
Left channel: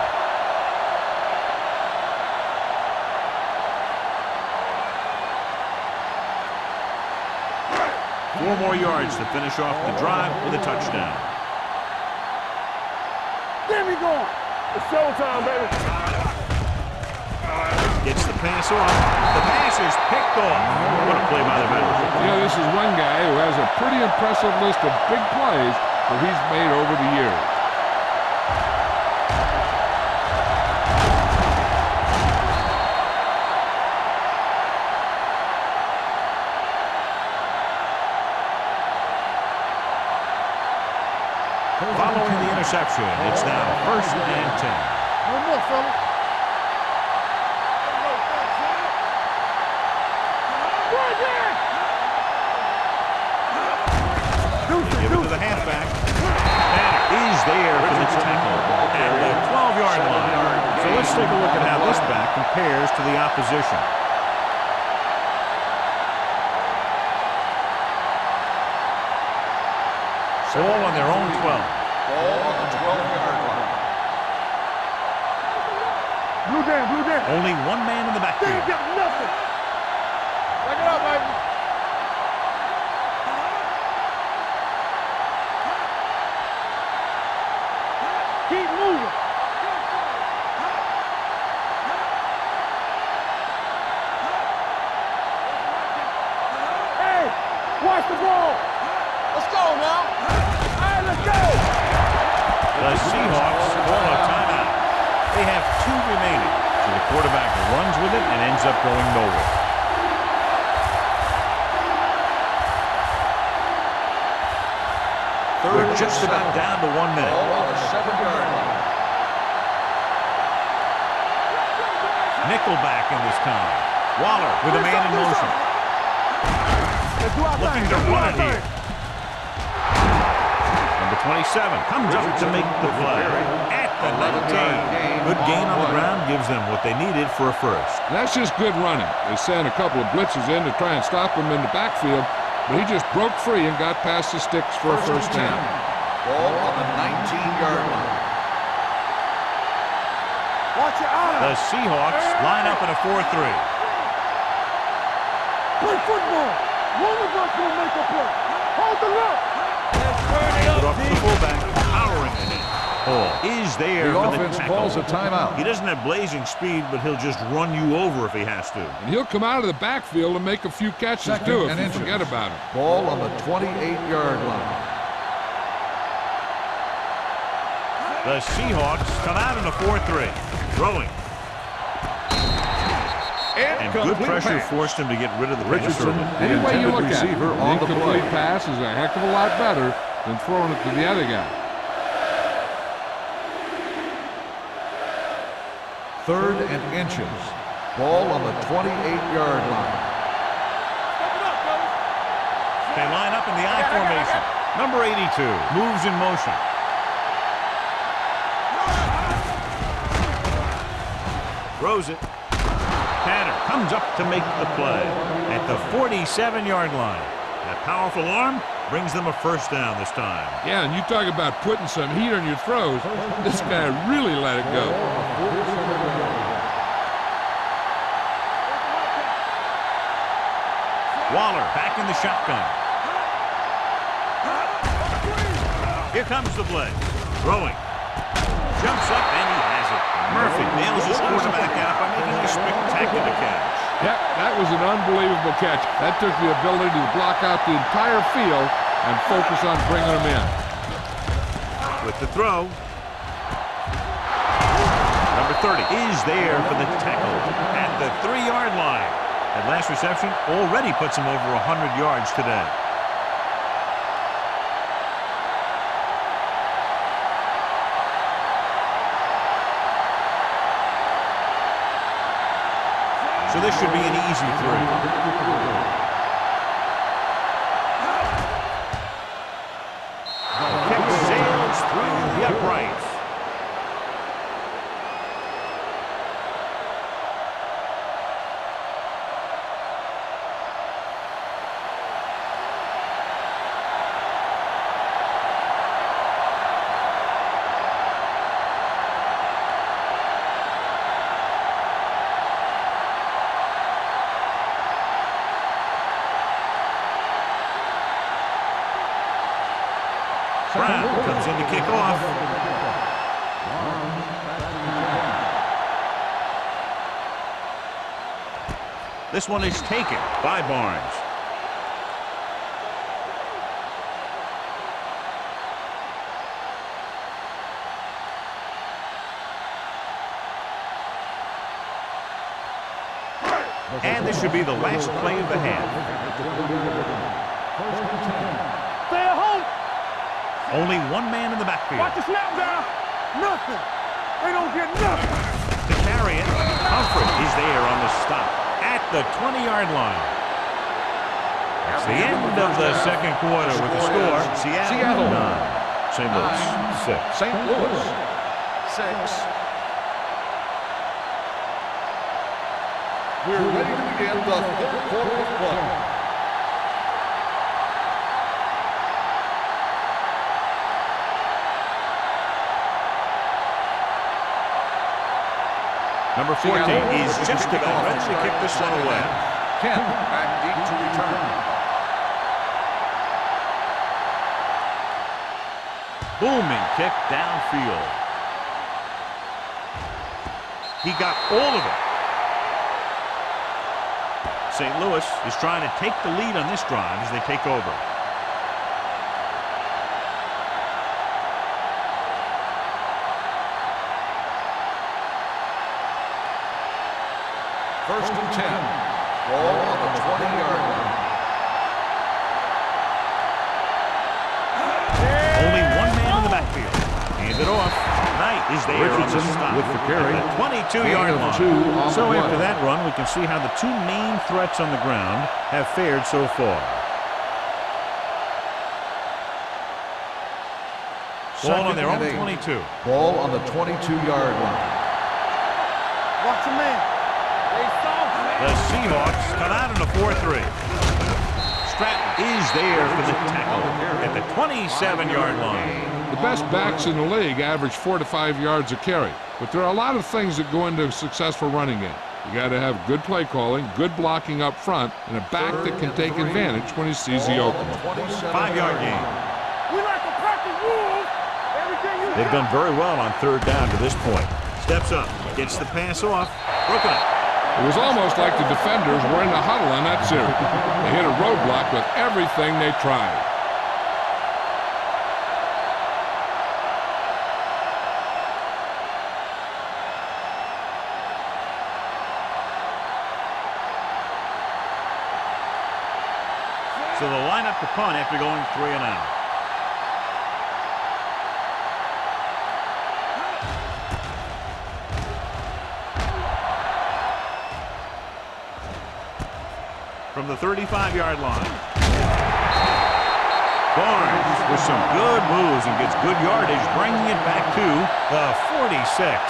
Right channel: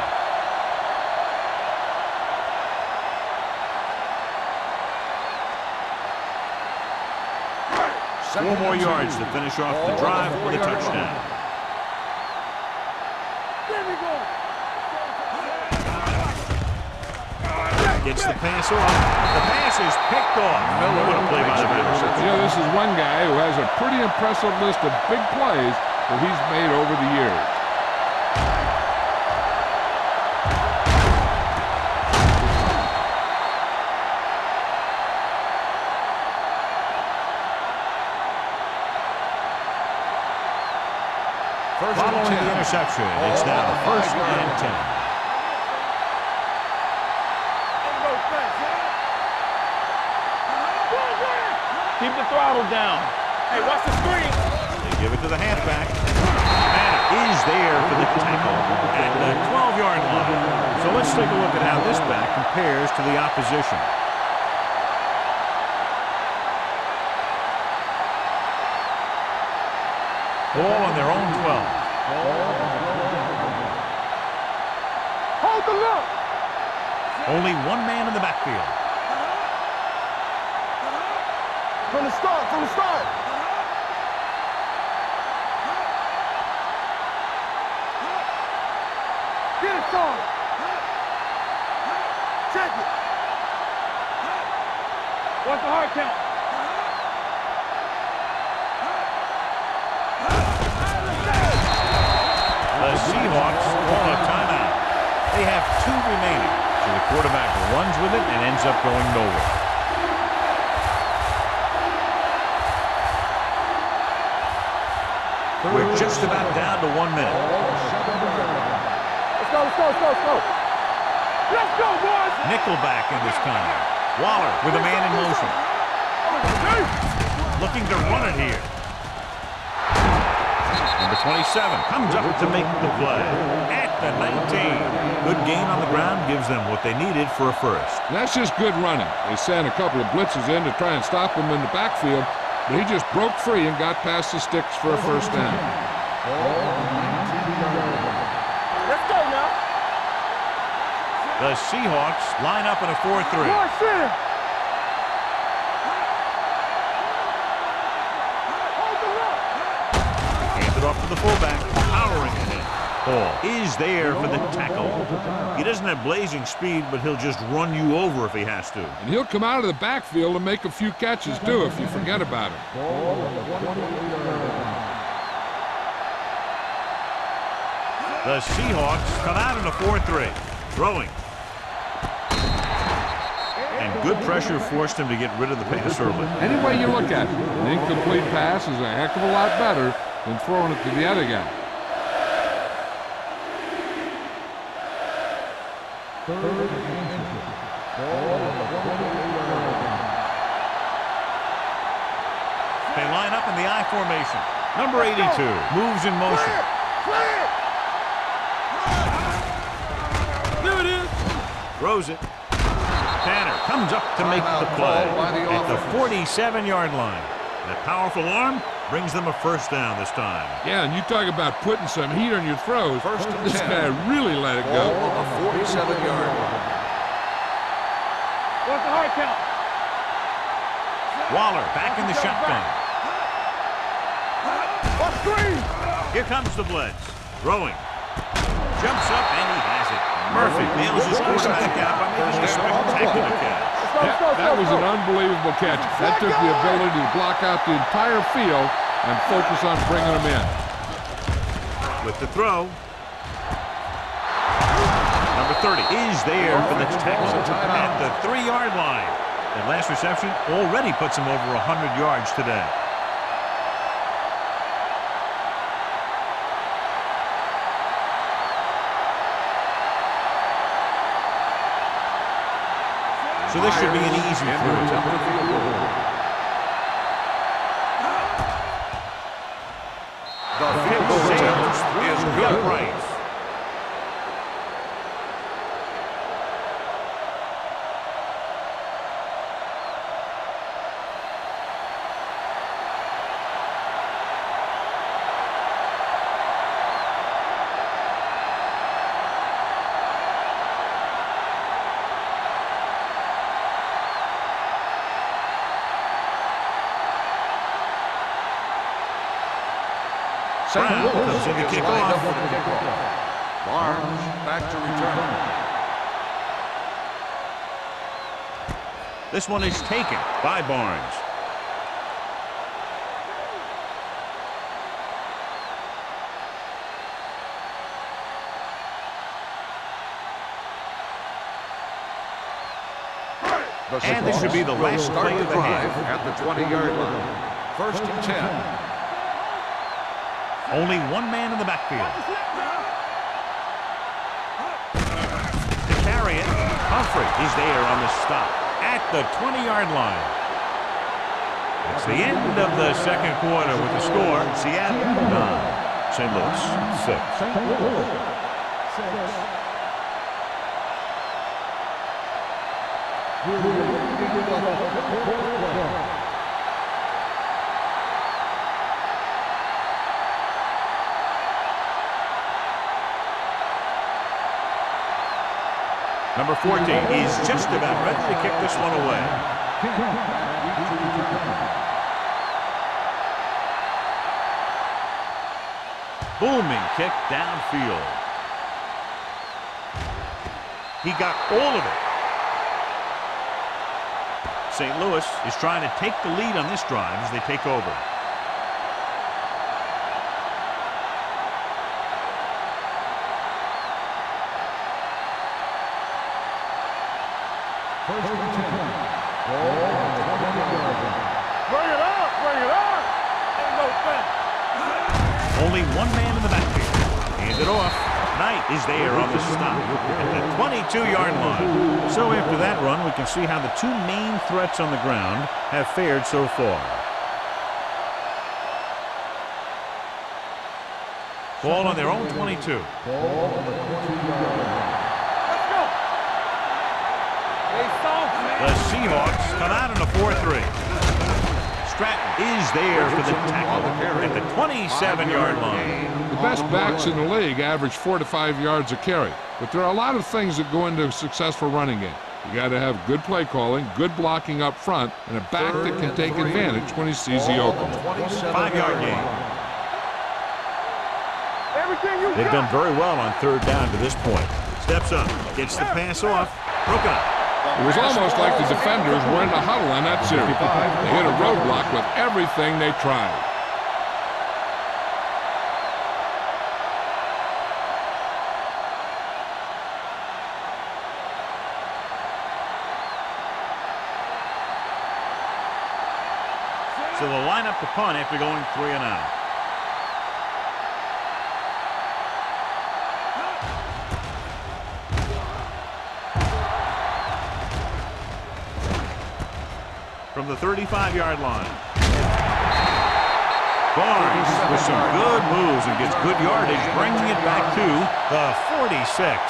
Four more yards to finish off the drive with a touchdown. Get me going. It's showtime, baby. Gets the pass off. The pass is picked off. What a play by the veteran. You know, this is one guy who has a pretty impressive list of big plays that he's made over the years. Following the interception, it's now 1st and 10. Keep the throttle down. They give it to the halfback. Banner is there for the tackle at the 12-yard line. So let's take a look at how this back compares to the opposition. Ball on their own 12. Ball on the 12-yard line. Hold the look. Blue Dan. Only one man in the backfield. Back it up, baby. From the start. Keep moving. Get it started. Check it. What's the hard count? Hey, watch the ball. Let's go now. Hey, let's go. The Seahawks call a timeout. They have 2 remaining. So the quarterback runs with it and ends up going nowhere. We're just about down to 1 minute. Ball on the 7-yard line. Let's go, boys. Nickelback in this time. Waller with a man in motion. Looking to run it here. Number 27 comes up to make the play at the 19. Good gain on the ground gives them what they needed for a first. That's just good running. They sent a couple of blitzes in to try and stop him in the backfield, but he just broke free and got past the sticks for a first down. Ball on the 19-yard line. Let's go now. Watch your eyes. The Seahawks line up in a 4-3. Play football. One of us will make a play. Hold the look. Hand it off to the fullback, powering it in. Hall is there for the tackle. Calls a timeout. He doesn't have blazing speed, but he'll just run you over if he has to. And he'll come out of the backfield and make a few catches, too, if you forget about him. Ball on the 28-yard line. The Seahawks come out in a 4-3. Throwing. And good pressure forced him to get rid of the pass early. Any way you look at it, an incomplete pass is a heck of a lot better than throwing it to the other guy. 3rd and inches. Ball on the 28-yard line. They line up in the I formation. Number 82 moves in motion. Throws it. Tanner comes up to make the play at the 47-yard line. That powerful arm brings them a first down this time. Yeah, and you talk about putting some heat on your throws. This guy really let it go. Ball on the 47-yard line. What's the hard count? Waller back in the shotgun. Here comes the blitz. Throwing. Jumps up and he has it. Murphy nails his quarterback out by making a spectacular catch. Yep, that was an unbelievable catch. That took the ability to block out the entire field and focus on bringing them in. With the throw. Number 30 is there for the tackle at the 3-yard line. That last reception already puts him over 100 yards today. So this should be an easy throw. The kick sails through the uprights. Brown comes in to kick off. Barnes back to return. This one is taken by Barnes. And this should be the last play of the half. At the 20-yard line. 1st and 10. Only one man in the backfield. Watch the snap down. Nothing. They don't get nothing. To carry it, Humphrey is there on the stop at the 20-yard line. That's the end of the second quarter with the score. Seattle 9, St. Louis 6. St. Louis 6. We're ready to begin the 3rd quarter of play. Number 14 is just about ready to kick this one away. Kent back deep to return. Booming kick downfield. He got all of it. St. Louis is trying to take the lead on this drive as they take over. First and 10. Ball on the 20-yard line. Bring it up. Bring it up. Only one man in the backfield. Hand it off. Knight is there on the stop at the 22-yard line. So after that run, we can see how the two main threats on the ground have fared so far. Ball on their own 22. Ball on the 22-yard line. Let's go. Watch the man. They soft, man. The Seahawks come out in a 4-3. Stratton is there for the tackle at the 27-yard line. The best backs in the league average 4 to 5 yards a carry, but there are a lot of things that go into a successul running game. You got to have good play calling, good blocking up front, and a back that can take advantage when he sees the opening. 5-yard gain. We like to pack the rules. Everything you They've got. done very well on 3rd down to this point. Steps up, gets the pass off, broken up. It was almost like the defenders were in the huddle on that series. They hit a roadblock with everything they tried. So they'll line up to punt after going 3 and out. From the 35-yard line. Barnes with some good moves and gets good yardage, bringing it back to the 46.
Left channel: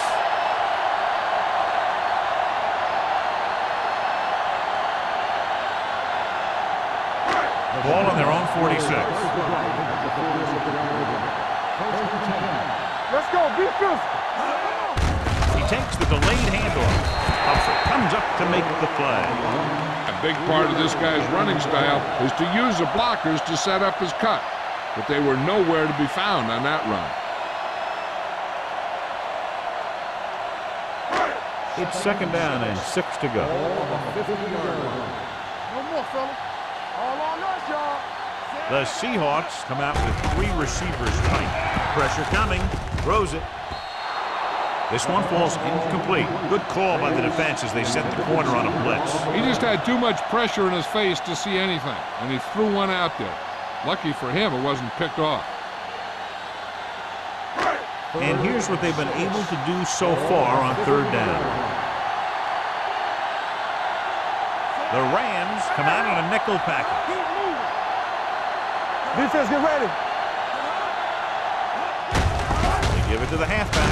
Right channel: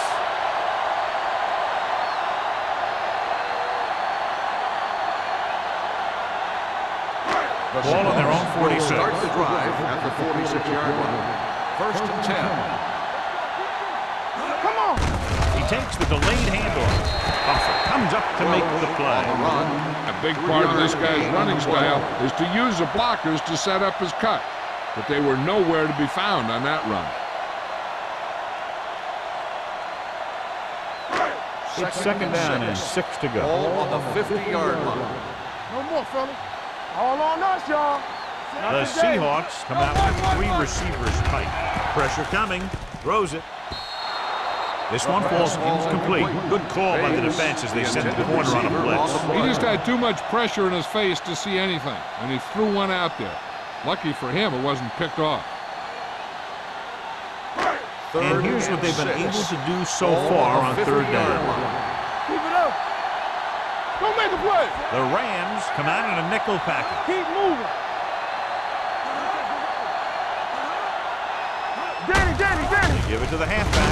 Ball on their own 46. Start the drive at the 46-yard line. 1st and 10. Let's go. Be good. Come on. He takes the delayed handoff. Humphrey comes up to make the play. A big part of this guy's running style is to use the blockers to set up his cut, but they were nowhere to be found on that run. It's 2nd down and 6 to go. Ball on the 50-yard line. No more, fellas. All on us, y'all. The Seahawks come out with 3 receivers tight. Pressure coming. Throws it. This one falls incomplete. Good call by the defense as they set the corner on a blitz. He just had too much pressure in his face to see anything, and he threw one out there. Lucky for him, it wasn't picked off. And here's what they've been able to do so far on third down. The Rams come out in a nickel package. Keep moving. Defense, get ready. Danny. They give it to the halfback.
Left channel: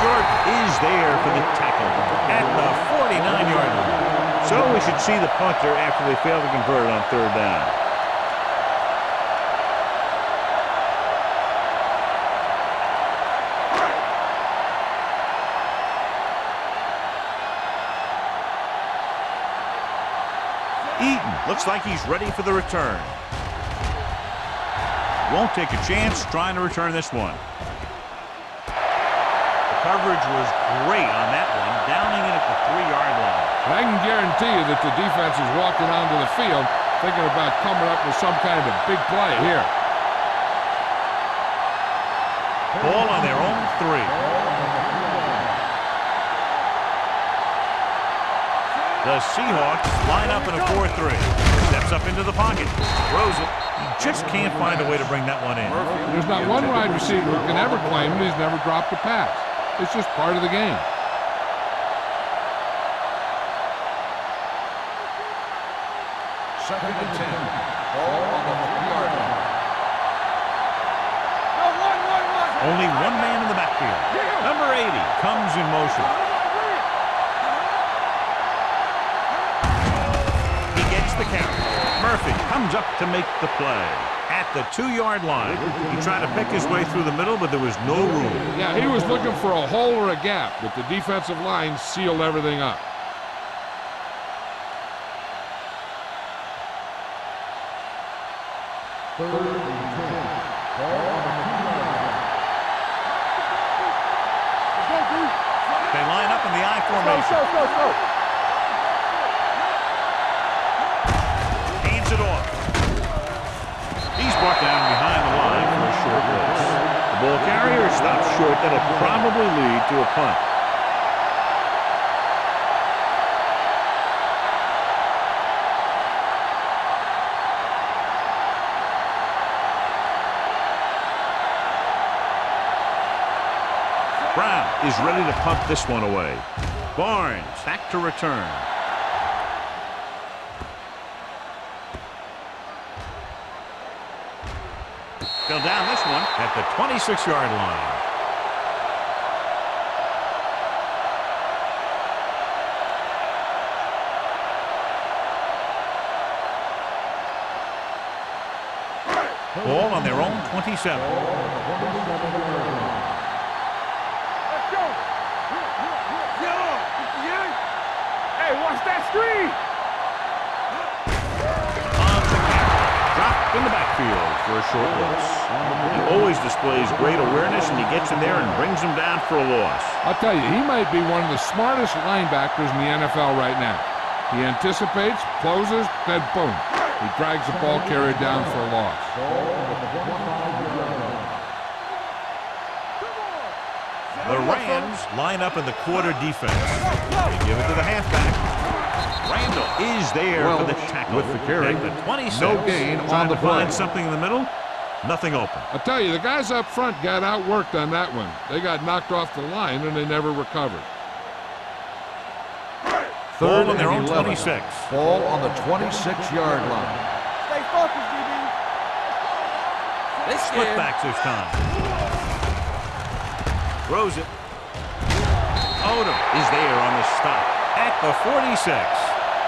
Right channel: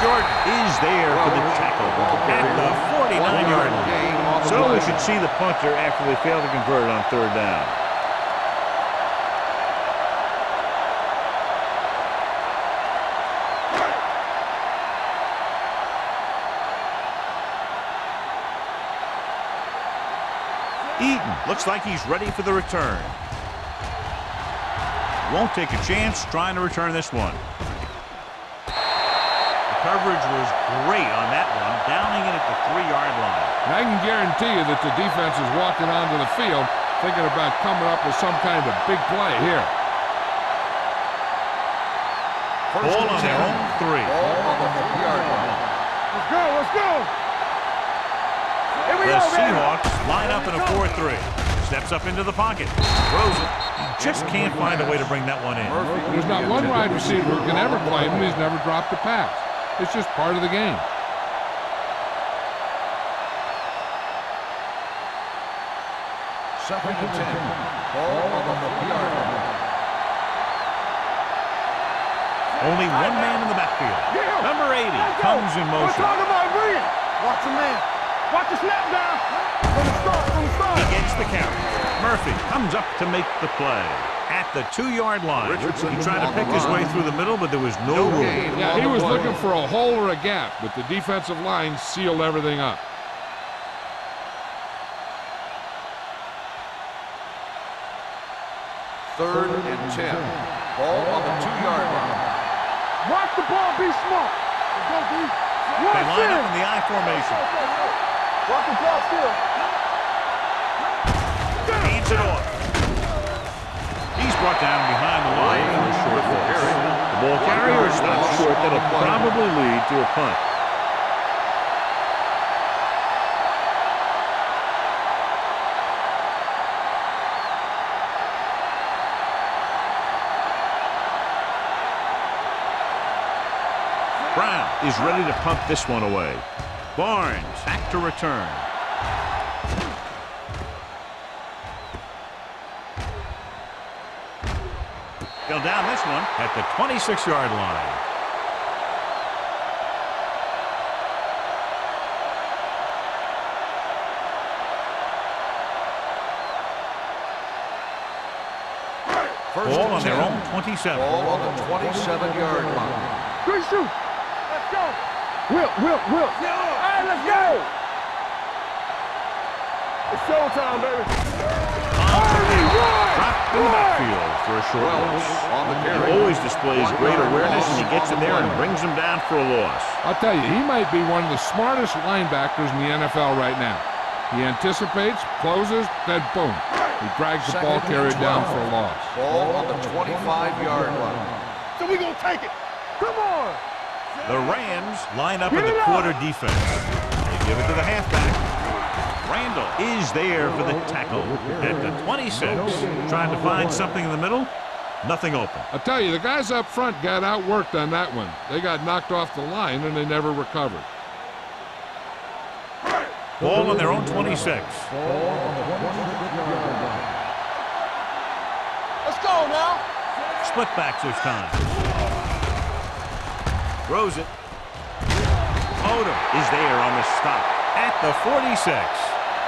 Jordan is there for the tackle at the 49-yard line. So we should see the punter after they fail to convert on third down. Eaton looks like he's ready for the return. Won't take a chance trying to return this one. The coverage was great on that one, downing it at the 3-yard line. And I can guarantee you that the defense is walking onto the field thinking about coming up with some kind of big play here. Ball on their own 3. The Seahawks line up in a 4-3. Steps up into the pocket. Throws it. He just can't find a way to bring that one in. There's not one wide receiver who can ever claim that he's never dropped a pass. It's just part of the game. Second and 10. Ball on the 3-yard line. Only one man in the backfield. Number 80 comes in motion. He gets the carry. Murphy comes up to make the play. At the 2-yard line. He tried to pick his way through the middle, but there was no room. Yeah, he was looking for a hole or a gap, but the defensive line sealed everything up. Third and 10. Ball on the 2-yard line. Watch the ball, be smart. Let's go, D. They line up in the I formation. Hands it off. He's brought down behind the line for a short loss. The ball carrier stops short. That'll probably lead to a punt. Brown is ready to punt this one away. Barnes back to return. They'll down this one at the 26-yard line. Ball on their own 27. Ball on the 27-yard line. Good shoot. Let's go. Whip. Yeah. Hey, let's go. Hey, watch that screen. It's showtime, baby. On the camera. Dropped in the backfield for a short loss. He always displays great awareness, and he gets in there and brings them down for a loss. I'll tell you, he might be one of the smartest linebackers in the NFL right now. He anticipates, closes, then boom. He drags the ball carrier down for a loss. Ball on the 25-yard line. So we gonna take it. Come on. The Rams line up in the quarter defense. They give it to the halfback. Randall is there for the tackle at the 26. Trying to find something in the middle. Nothing open. I'll tell you, the guys up front got outworked on that one. They got knocked off the line, and they never recovered. Ball on their own 26. Ball on the 26-yard line. Stay focused, DB. Let's go now. Split backs this time. Throws it. Odom is there on the stop at the 46.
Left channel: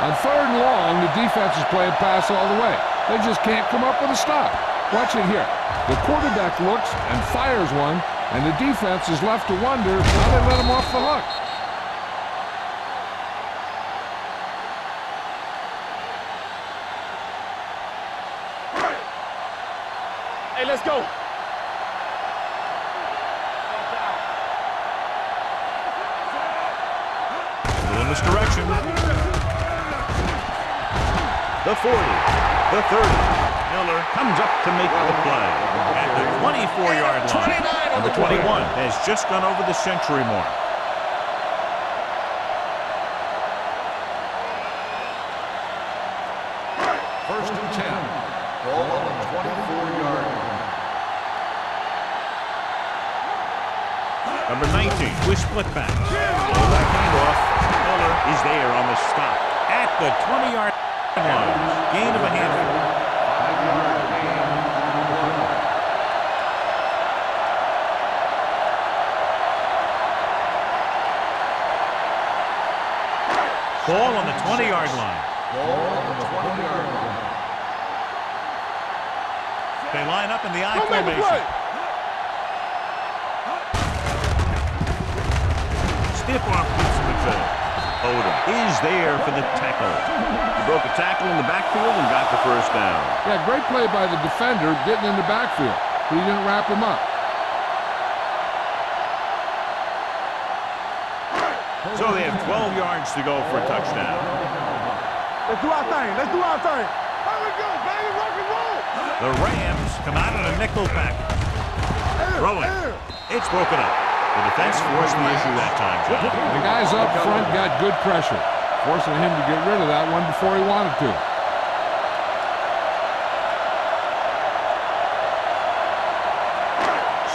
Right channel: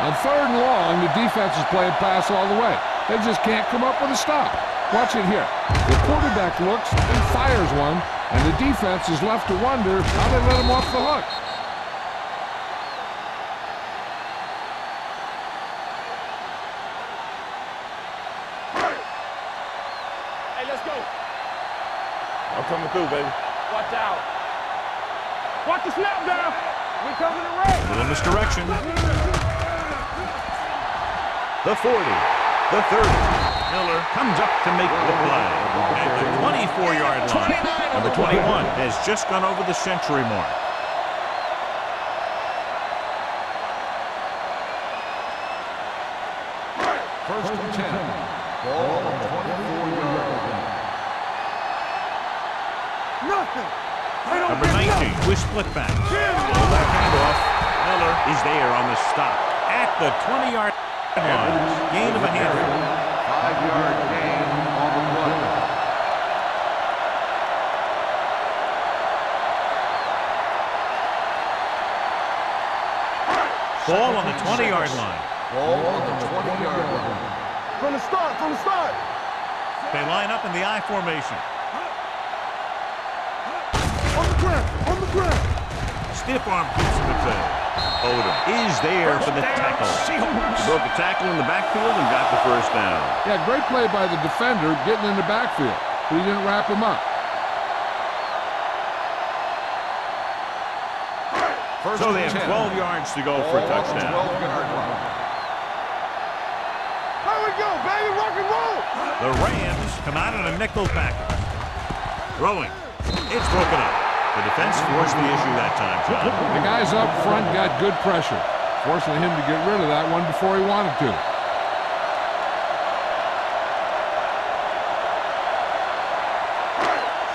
On third and long, the defense is playing pass all the way. They just can't come up with a stop. Watch it here. The quarterback looks and fires one, and the defense is left to wonder how they let him off the hook. Hey, let's go. I'm coming through, baby. Watch out. Watch the snap down. We coming around. Little misdirection. The 40. The 30. Miller comes up to make the play at the 24-yard line. Number 21 has just gone over the century mark. First and 10. Ball on the 24-yard line. Number 19 with split back. Blow that handoff. Miller is there on the stop at the 20-yard line. Gain of a handful. 5-yard gain on the play. Ball on the 20-yard line. Ball on the 20-yard line. From the start. They line up in the I formation. On the ground. Stiff arm keeps him at bay. Odom is there for the tackle. He broke a tackle in the backfield and got the first down. Yeah, great play by the defender getting in the backfield, but he didn't wrap him up. So they have 12 yards to go for a touchdown. Let's do our thing. Here we go, baby. Rock and roll. The Rams come out in a nickel package. Throwing. It's broken up. The defense forced the issue that time, John. The guys up front got good pressure, forcing him to get rid of that one before he wanted to.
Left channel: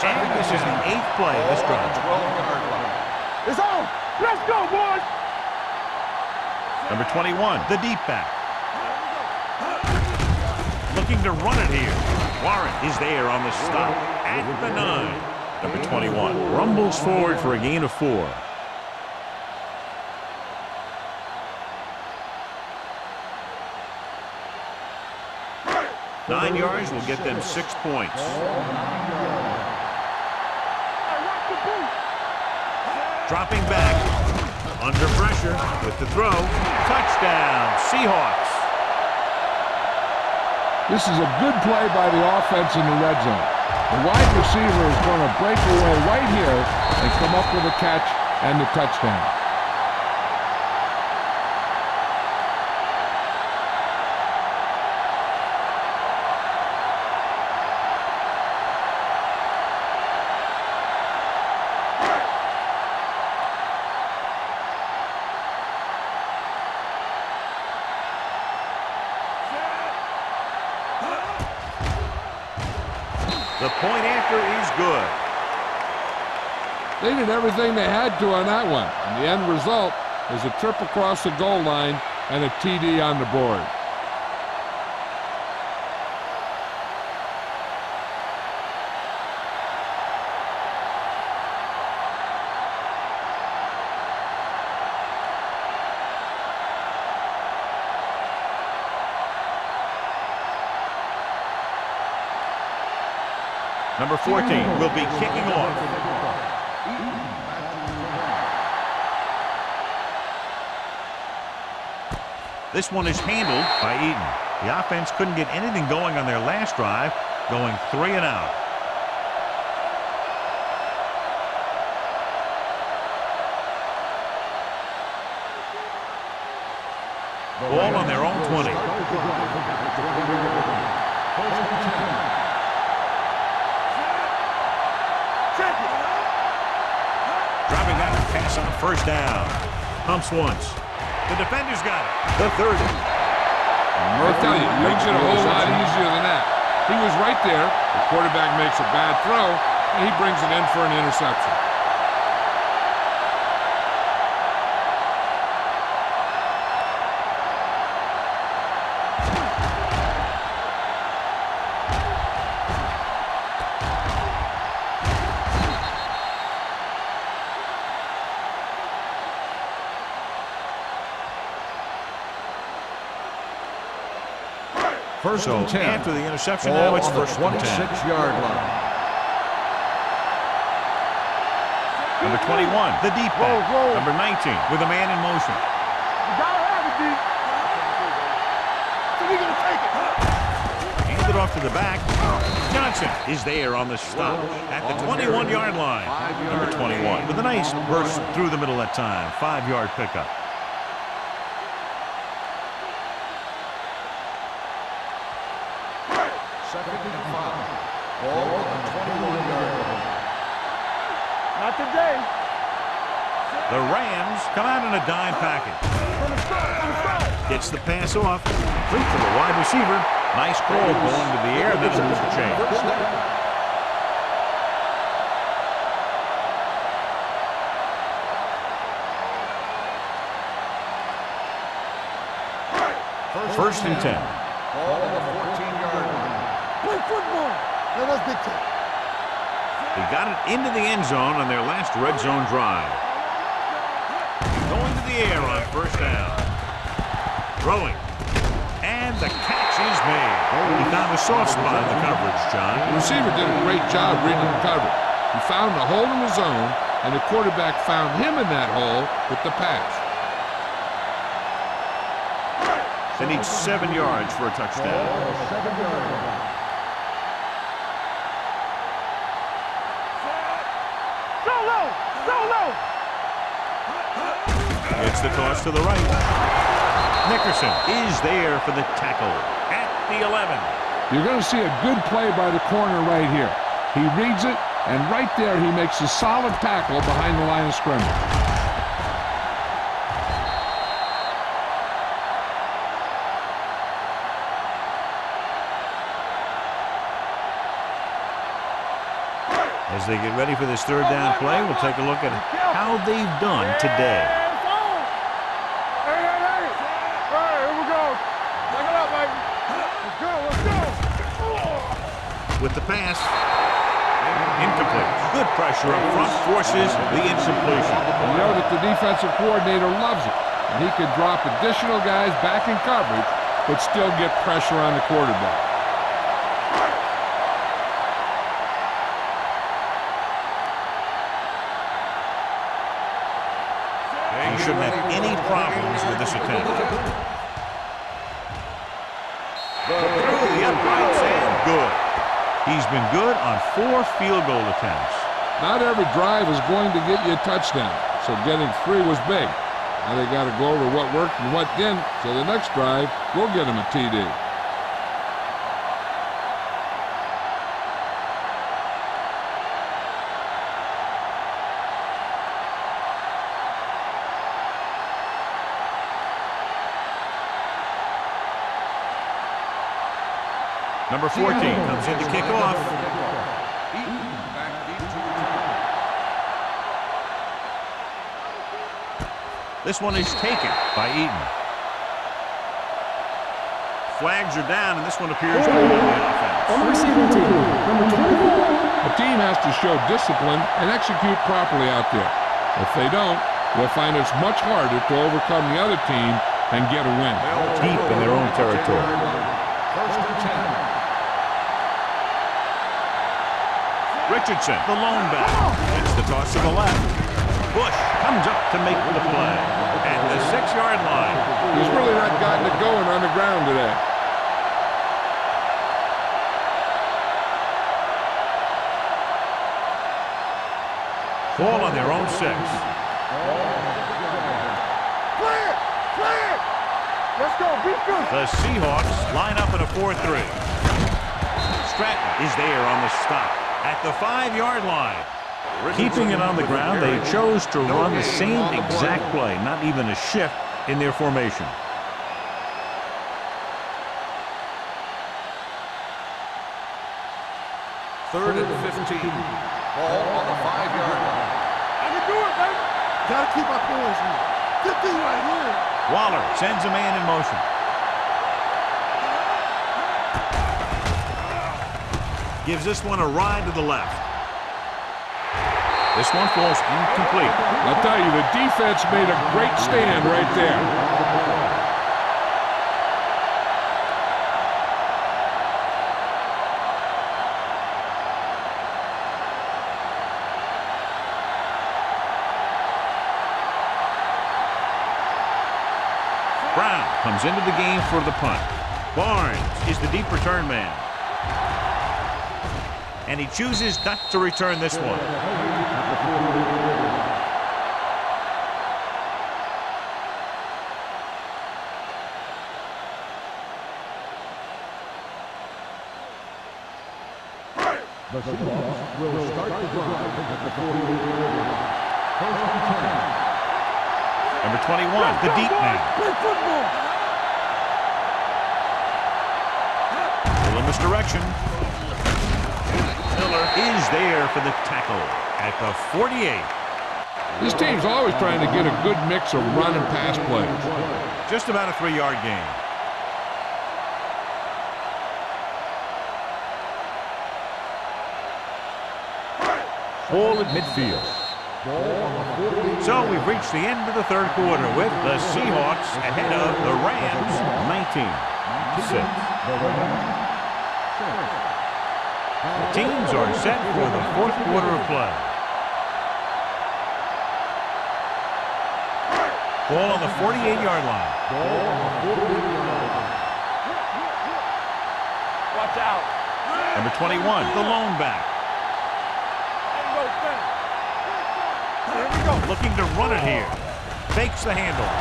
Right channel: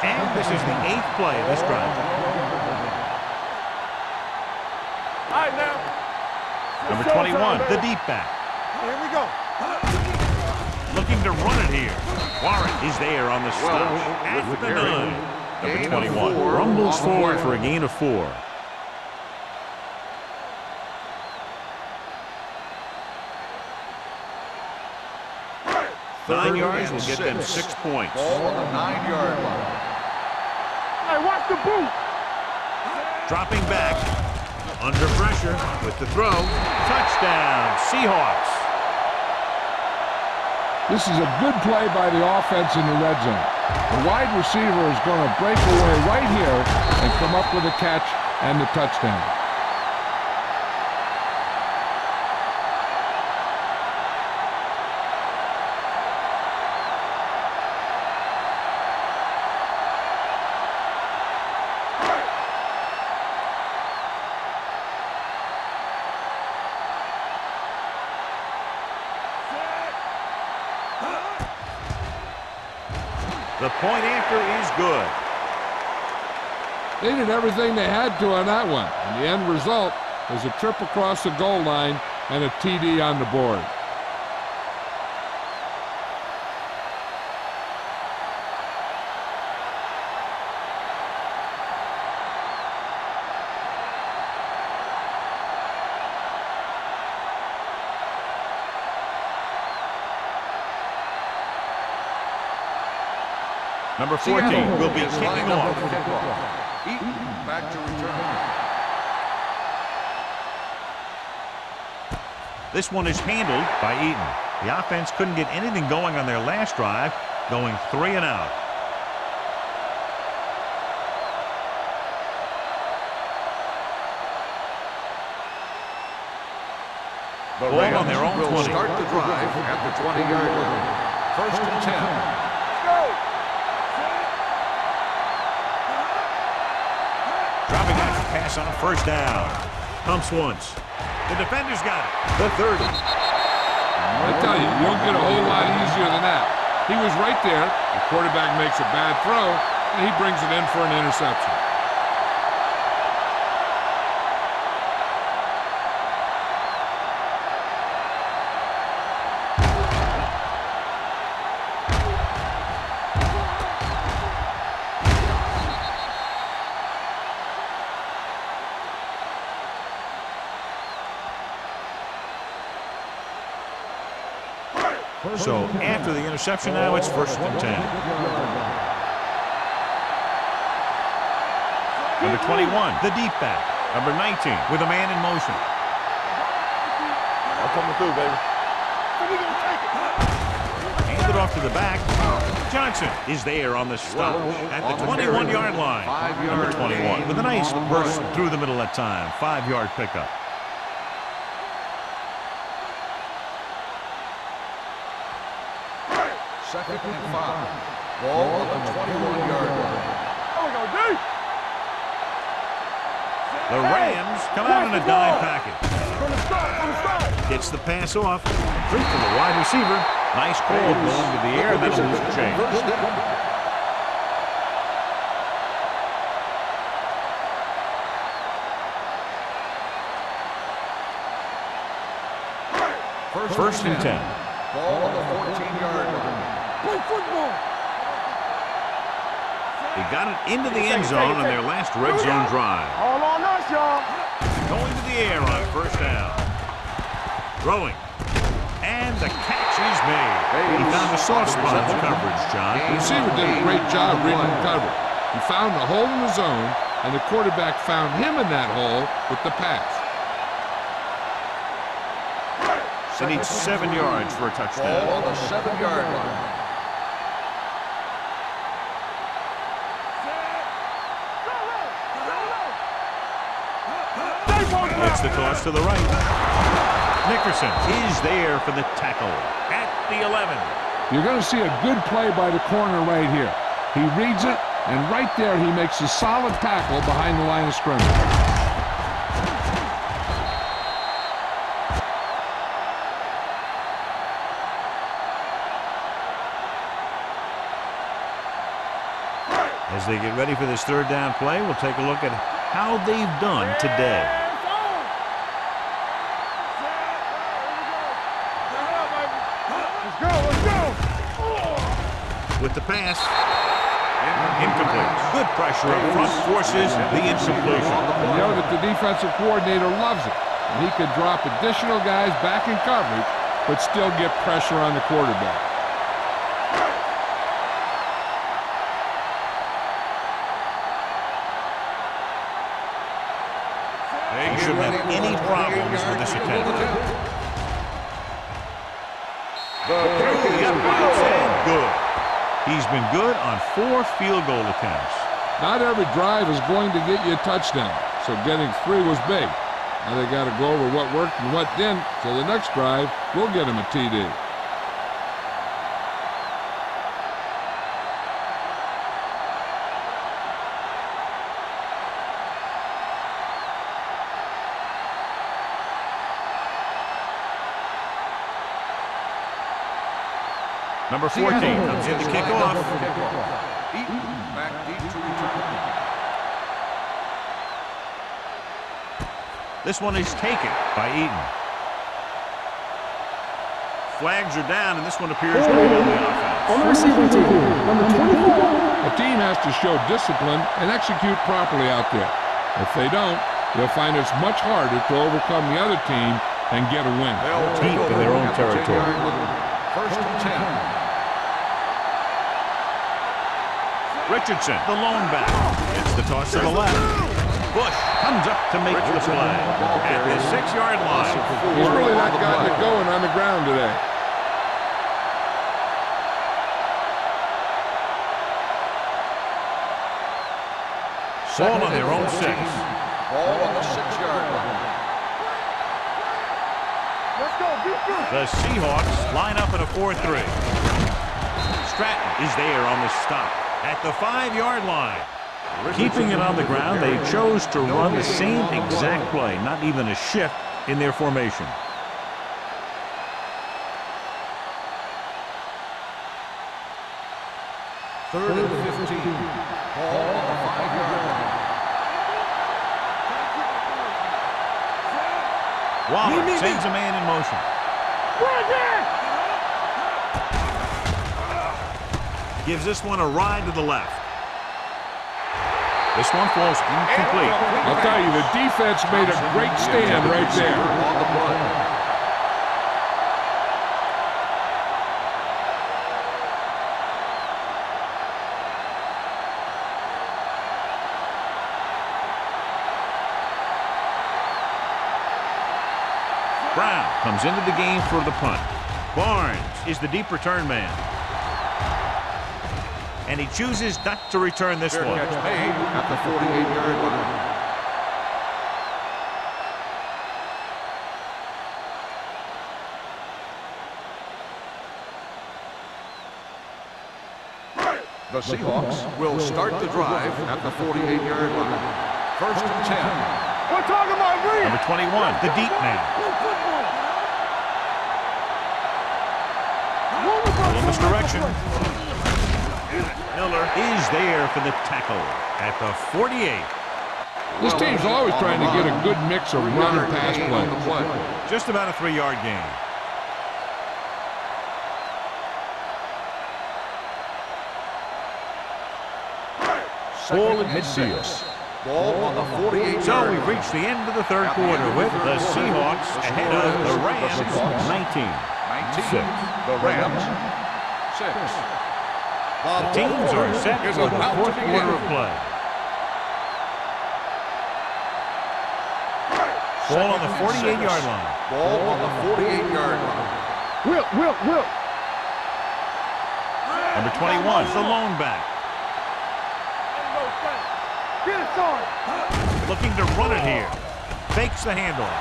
And this is the 8th play of this drive. It's on. Let's go, boys. All right, now. Number 21, the deep back. Here we go. Looking to run it here. Warren is there on the stop at the 9. Number 21 rumbles forward for a gain of 4. Nine yards will get them 6 points. Ball on the 9-yard line. Hey, watch the boot. Dropping back. Under pressure with the throw. Touchdown, Seahawks. This is a good play by the offense in the red zone. The wide receiver is going to break away right here and come up with a catch and the touchdown. The point after is good. They did everything they had to on that one, and the end result is a trip across the goal line and a TD on the board. Number 14 will be kicking off. Eaton back to return. This one is handled by Eaton. The offense couldn't get anything going on their last drive, going 3 and out. Ball on their own 20. Start the drive at the 20-yard line. First and 10. Dropping back to pass on first down. Pumps once. The defender's got it. The 30. I tell you, you don't get a whole lot easier than that. He was right there. The quarterback makes a bad throw, and he brings it in for an interception. So after the interception, now it's first and 10. 26-yard line. Number 21, the deep back. Number 19 with a man in motion. You gotta have it, D. So we gonna take it. Handed off to the back. Johnson is there on the stop at the 21-yard line. Number 21 with a nice burst through the middle that time. 5-yard pickup. Second and 5. Ball on the 21-yard line. Not today. The Rams come out in a dime package. From the start. Gets the pass off. Complete to the wide receiver. Nice ball going to the air, and that'll lose the chain. First down. First and 10. Ball on the 14-yard line. Play football. They got it into the end zone on their last red zone drive. All on us, y'all. Going to the air on first down. Throwing. And the catch is made. He found a soft spot in the coverage, John. The receiver did a great job reading the coverage. He found a hole in the zone, and the quarterback found him in that hole with the pass. They need 7 yards for a touchdown. Ball on the 7-yard line. It's the toss to the right. Nickerson is there for the tackle at the 11. You're going to see a good play by the corner right here. He reads it, and right there he makes a solid tackle behind the line of scrimmage. As they get ready for this third down play, we'll take a look at how they've done today. With the pass, incomplete. Good pressure up front forces the incompletion. You know that the defensive coordinator loves it, and he could drop additional guys back in coverage, but still get pressure on the quarterback. He shouldn't have any problems with this attempt. Through the uprights and good. He's been good on 4 field goal attempts. Not every drive is going to get you a touchdown, so getting 3 was big. Now they got to go over what worked and what didn't, so the next drive will get him a TD. Number 14 comes in to kick off. Eaton back deep to return. This one is taken by Eaton. Flags are down, and this one appears to be on the offense. On the receiving team, number 24. A team has to show discipline and execute properly out there. If they don't, they'll find it's much harder to overcome the other team and get a win. Deep in their own territory. First and 10. Richardson, the lone back, gets the toss to the left. Bush comes up to make the play at the 6-yard line. He's really not gotten it going on the ground today. Ball on their own 6. Ball on the 6-yard line. Let's go, beat them. The Seahawks line up in a 4-3. Stratton is there on the stop at the 5-yard line. Keeping it on the ground, they chose to run the same exact play, not even a shift in their formation. Third and 15. Ball on the 5-yard line. Gotta keep my clothes on. Get this right. Waller sends a man in motion. Gives this one a ride to the left. This one falls incomplete. I'll tell you, the defense made a great stand right there. Brown comes into the game for the punt. Barnes is the deep return man. And he chooses not to return this one. At the 48-yard line. The Seahawks will start the drive at the 48-yard line. First and 10. Number 21, the deep man. Play football. Little misdirection. Miller is there for the tackle at the 48. This team's always trying to get a good mix of run and pass plays. Just about a 3-yard gain. Ball at midfield. Ball on the 48. So we've reached the end of the third quarter with the Seahawks ahead of the Rams 19-6. The Rams 6. The teams are set for the fourth quarter of play. Ball on the 48-yard line. Ball on the 48-yard line. Whip. Watch out. Number 21, the lone back. There you go, son. Get it, son. Looking to run it here. Fakes the handoff.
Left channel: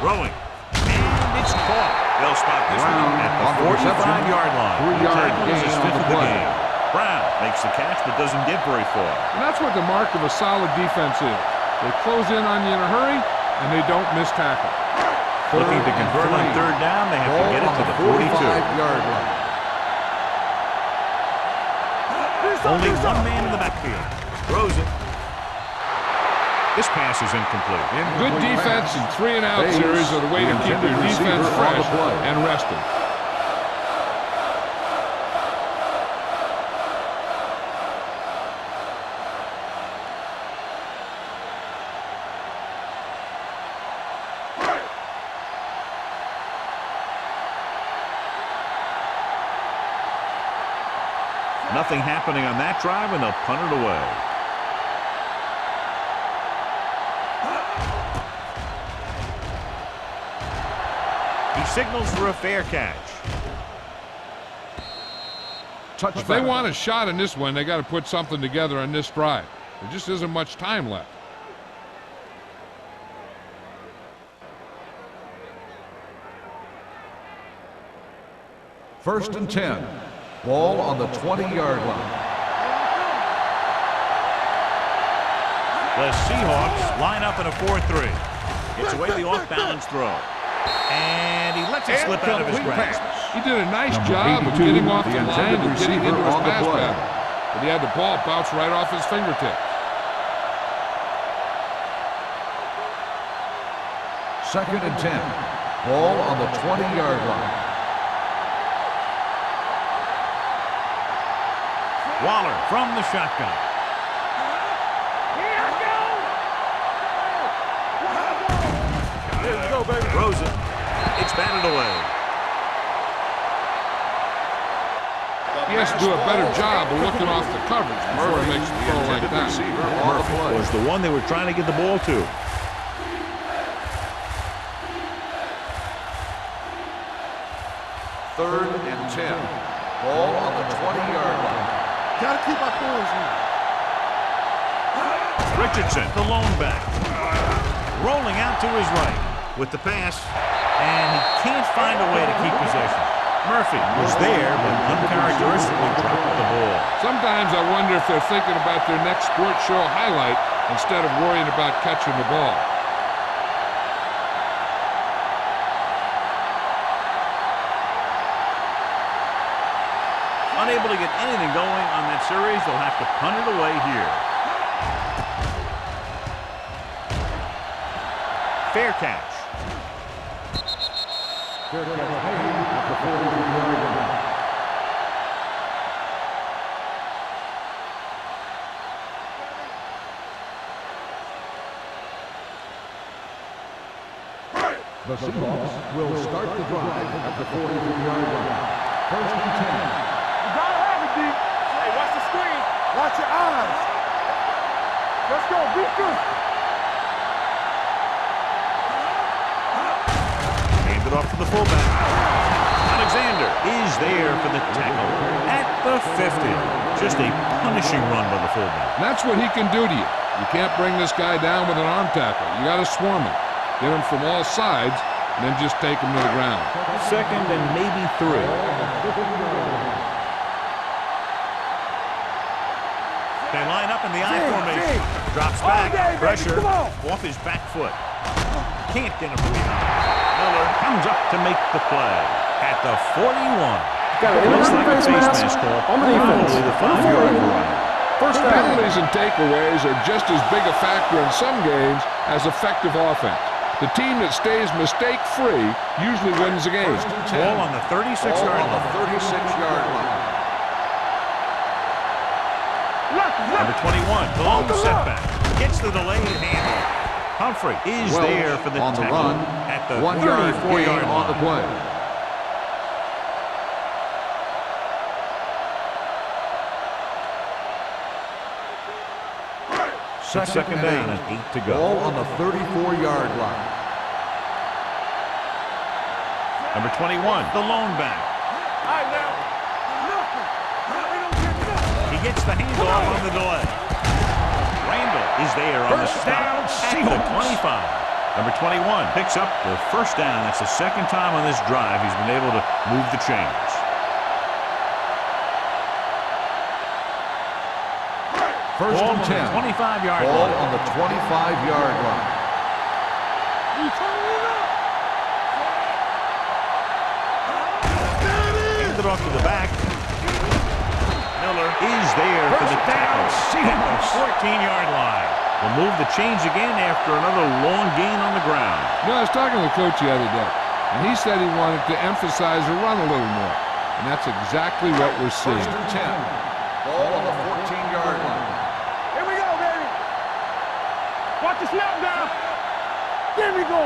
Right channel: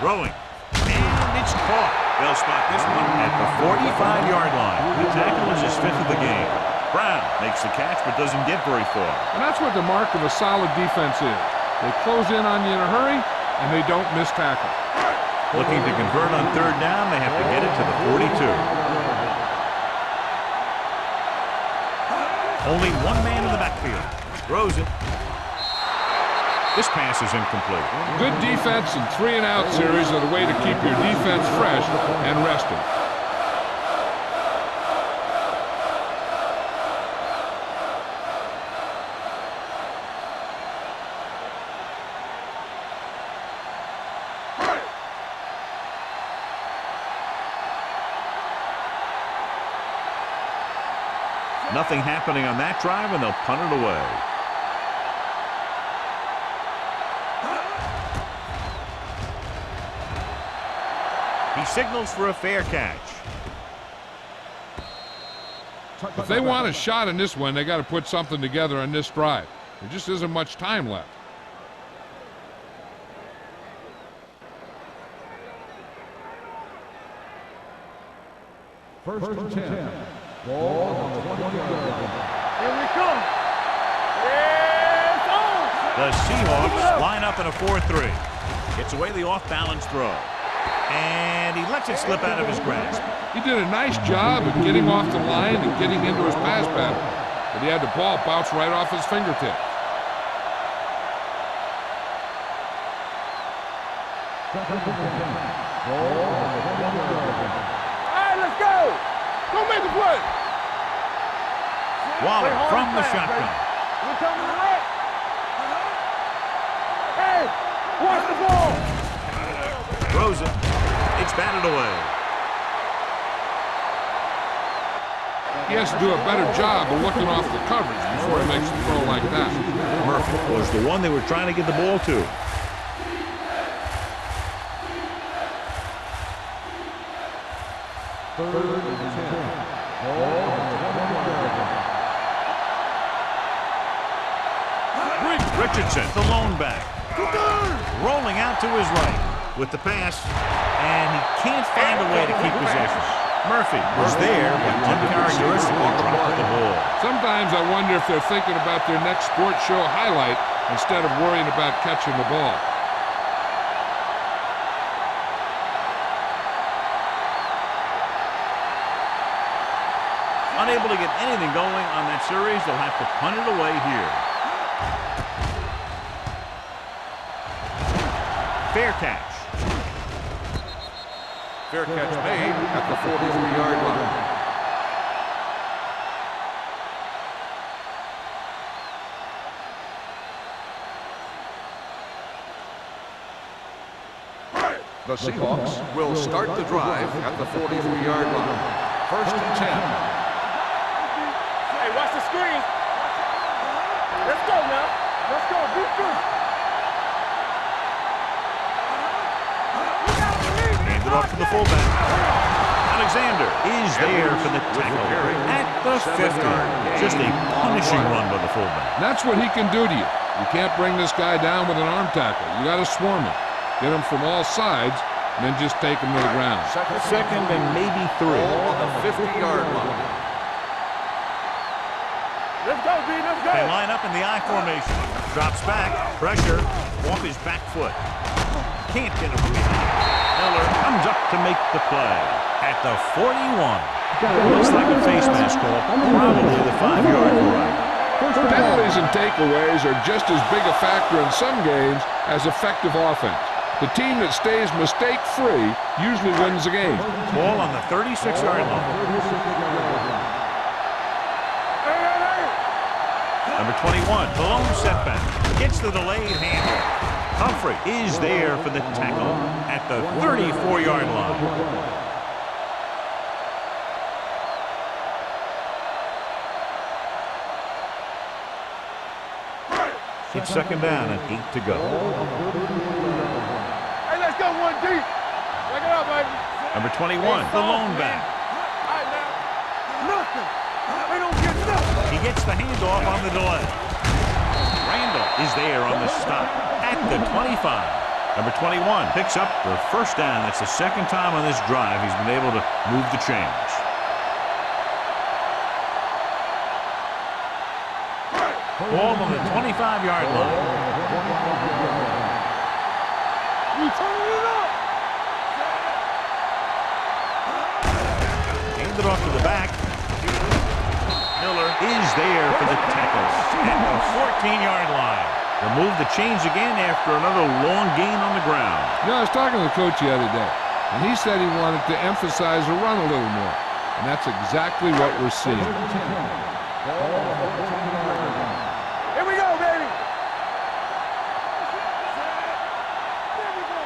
Throwing. And it's caught. They'll spot this one at the 45-yard line. The tackle is his 5th of the game. Brown makes the catch but doesn't get very far. And that's what the mark of a solid defense is. They close in on you in a hurry, and they don't miss tackle. Looking to convert on third down, they have to get it to the 42. Only one man in the backfield. Throws it. This pass is incomplete. Good defense and 3-and-out series are the way to keep your defense fresh and rested. Nothing happening on that drive, and they'll punt it away. He signals for a fair catch. If they want a shot in this one, they got to put something together on this drive. There just isn't much time left. First and 10. Ball on the 20-yard line. Here we come. The Seahawks line up in a 4-3. Gets away the off-balance throw. And he lets it slip out of his grasp. He did a nice job of getting off the line and getting into his pass pattern. But he had the ball bounce right off his fingertips. Second and 10. Ball on the 20-yard line. Waller from the shotgun. Throws it. It's batted away. He has to do a better job of looking off the coverage before he makes a throw like that. Murphy was the one they were trying to get the ball to. Third and 10. Ball on the 20-yard line. Gotta keep my points. Richardson, the lone back. Rolling out to his right with the pass, and he can't find a way to keep possession. Murphy was there, but uncharacteristically dropped the ball. Sometimes I wonder if they're thinking about their next sports show highlight instead of worrying about catching the ball. Unable to get anything going on that series, they'll have to punt it away here. Fair catch. Fair catch made at the 43-yard line. The Seahawks will start the drive at the 43-yard line. First and 10. You gotta have it, D. Hey, watch the screen. Watch your eyes. Let's go now. Let's go. Be good. Hand it off to the fullback. Alexander is there for the tackle at the 50. Just a punishing run by the fullback. And that's what he can do to you. You can't bring this guy down with an arm tackle. You got to swarm him. Get him from all sides, and then just take him to the ground. Second and maybe 3. Ball on the 50-yard line. Let's go, D. Let's go. They line up in the I formation. Drops back. Pressure off his back foot. Can't get him from behind. Miller comes up to make the play at the 41. Looks like a face mask call, probably the 5-yard variety. First down. Penalties and takeaways are just as big a factor in some games as effective offense. The team that stays mistake-free usually wins the game. Ball on the 36-yard line. 36-yard line. Number 21, the lone setback. Gets the delayed handle. Humphrey is there for the tackle at the 34-yard line. It's second down and 8 to go. Ball on the 34-yard line. Hey, let's go one deep. Check it out, baby. Number 21, the lone back. All right, now. Nothing. They don't get nothing. He gets the handoff on the delay. Randall is there on the stop at the 25. Number 21 picks up the first down. That's the second time on this drive he's been able to move the chains. Ball on the 25-yard line. Ball on the 25-yard line. You turning it up. Hand it off to the back. Miller is there for the tackle at the 14-yard line. They'll move the chains again after another long gain on the ground. You know, I was talking to the coach the other day, and he said he wanted to emphasize the run a little more. And that's exactly what we're seeing. First and 10. Ball on the 14-yard line. Here we go, baby. Watch the snap down. There we go.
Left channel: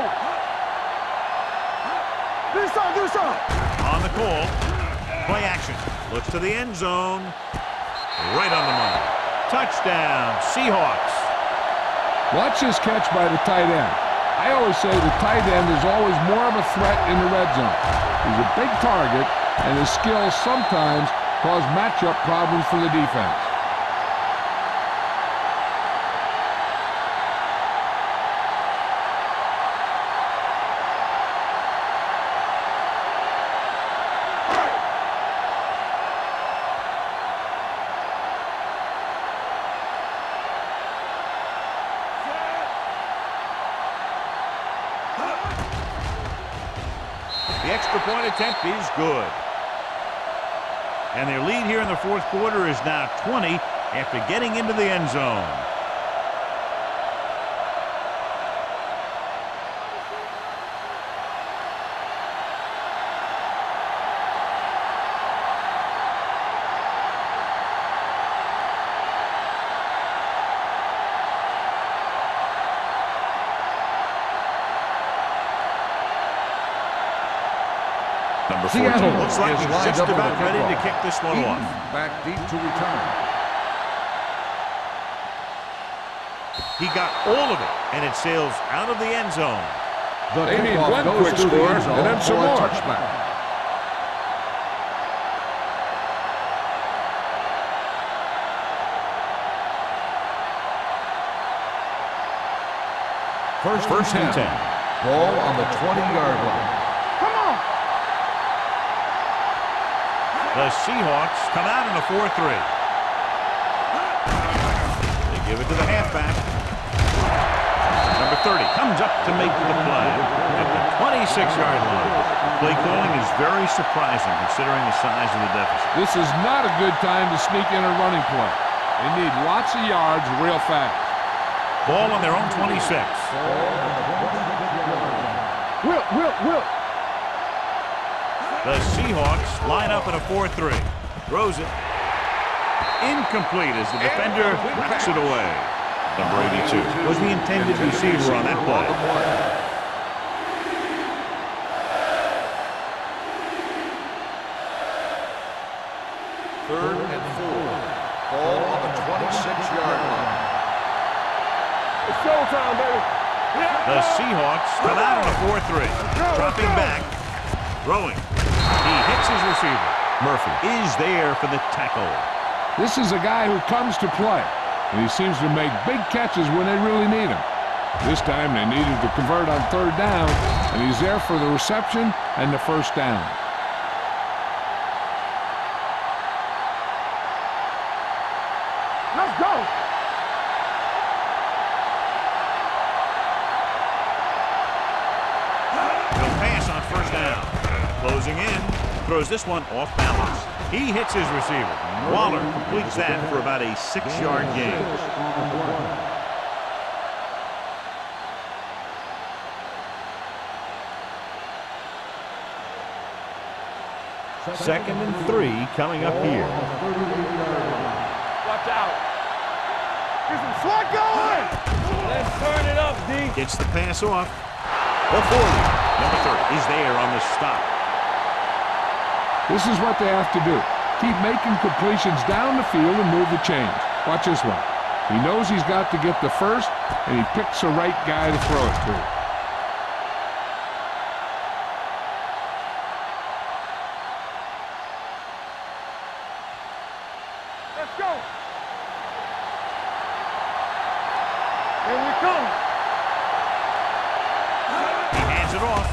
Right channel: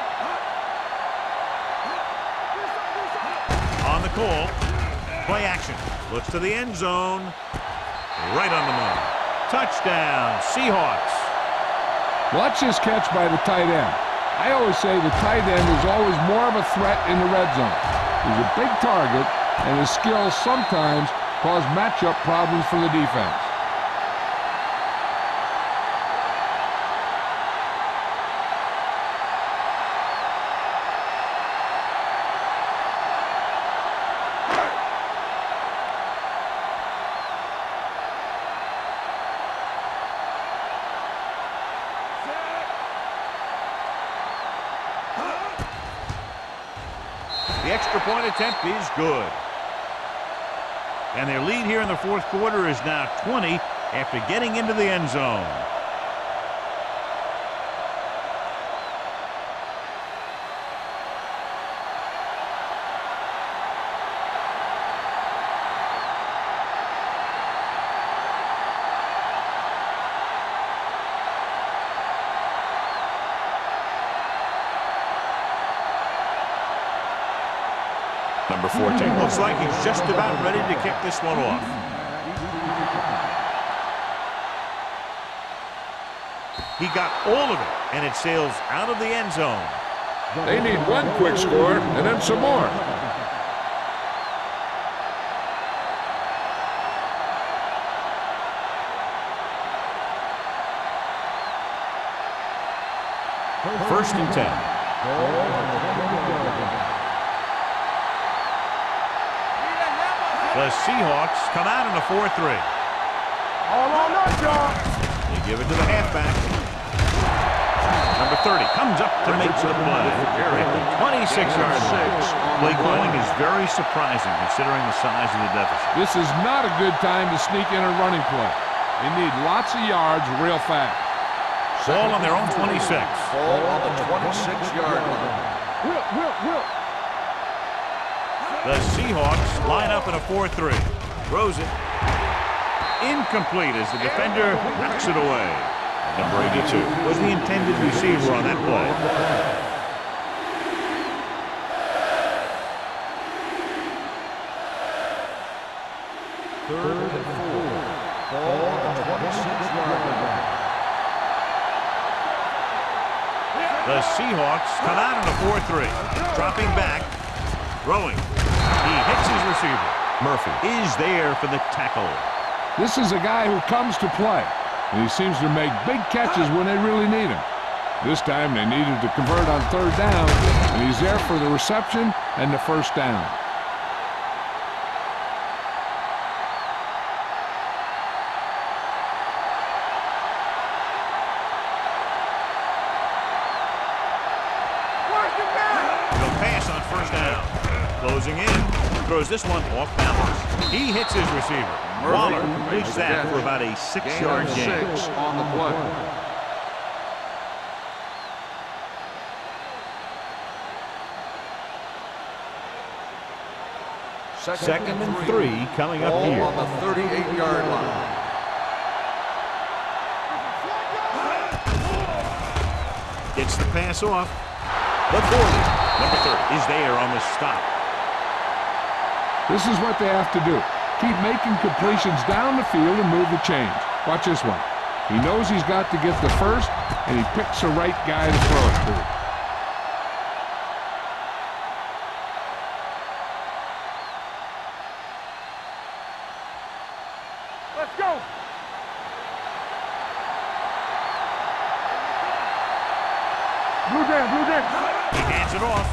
Do something. On the call, play action. Looks to the end zone. Right on the money. Touchdown, Seahawks. Watch this catch by the tight end. I always say the tight end is always more of a threat in the red zone. He's a big target, and his skills sometimes cause matchup problems for the defense. The extra point attempt is good. And their lead here in the fourth quarter is now 20 after getting into the end zone. Number 14 looks like he's just about ready to kick this one off. Back deep to return. He got all of it, and it sails out of the end zone. They need one quick score and then some more. First and 10. Ball on the 20-yard line. The Seahawks come out in a 4-3. They give it to the halfback. Number 30 comes up to make the play at the 26-yard line. Play calling is very surprising considering the size of the deficit. This is not a good time to sneak in a running play. They need lots of yards real fast. Ball on their own 26. Ball on the 26-yard line. Will. The Seahawks line up in a 4-3. Throws it. Incomplete as the defender knocks it away. Number 82 was the intended receiver on that play. Third and 4. Ball on the 26-yard line. It's showtime, baby. The Seahawks come out in a 4-3. Dropping back. Throwing. He hits his receiver. Murphy is there for the tackle. This is a guy who comes to play, and he seems to make big catches when they really need him. This time they needed to convert on third down, and he's there for the reception and the first down. Let's go. He'll pass on first down. Closing in. throws this one off balance. He hits his receiver. Waller completes that for about a 6-yard gain. Second and 3 coming up here. On the 38-yard line. Watch out. Get some slot going. Burn it up, D. Gets the pass off. The 40. Number 30 is there on the stop. This is what they have to do. Keep making completions down the field and move the chains. Watch this one. He knows he's got to get the first, and he picks the right guy to throw it to. Let's go. Here we come. Blue down, blue down. He hands it off.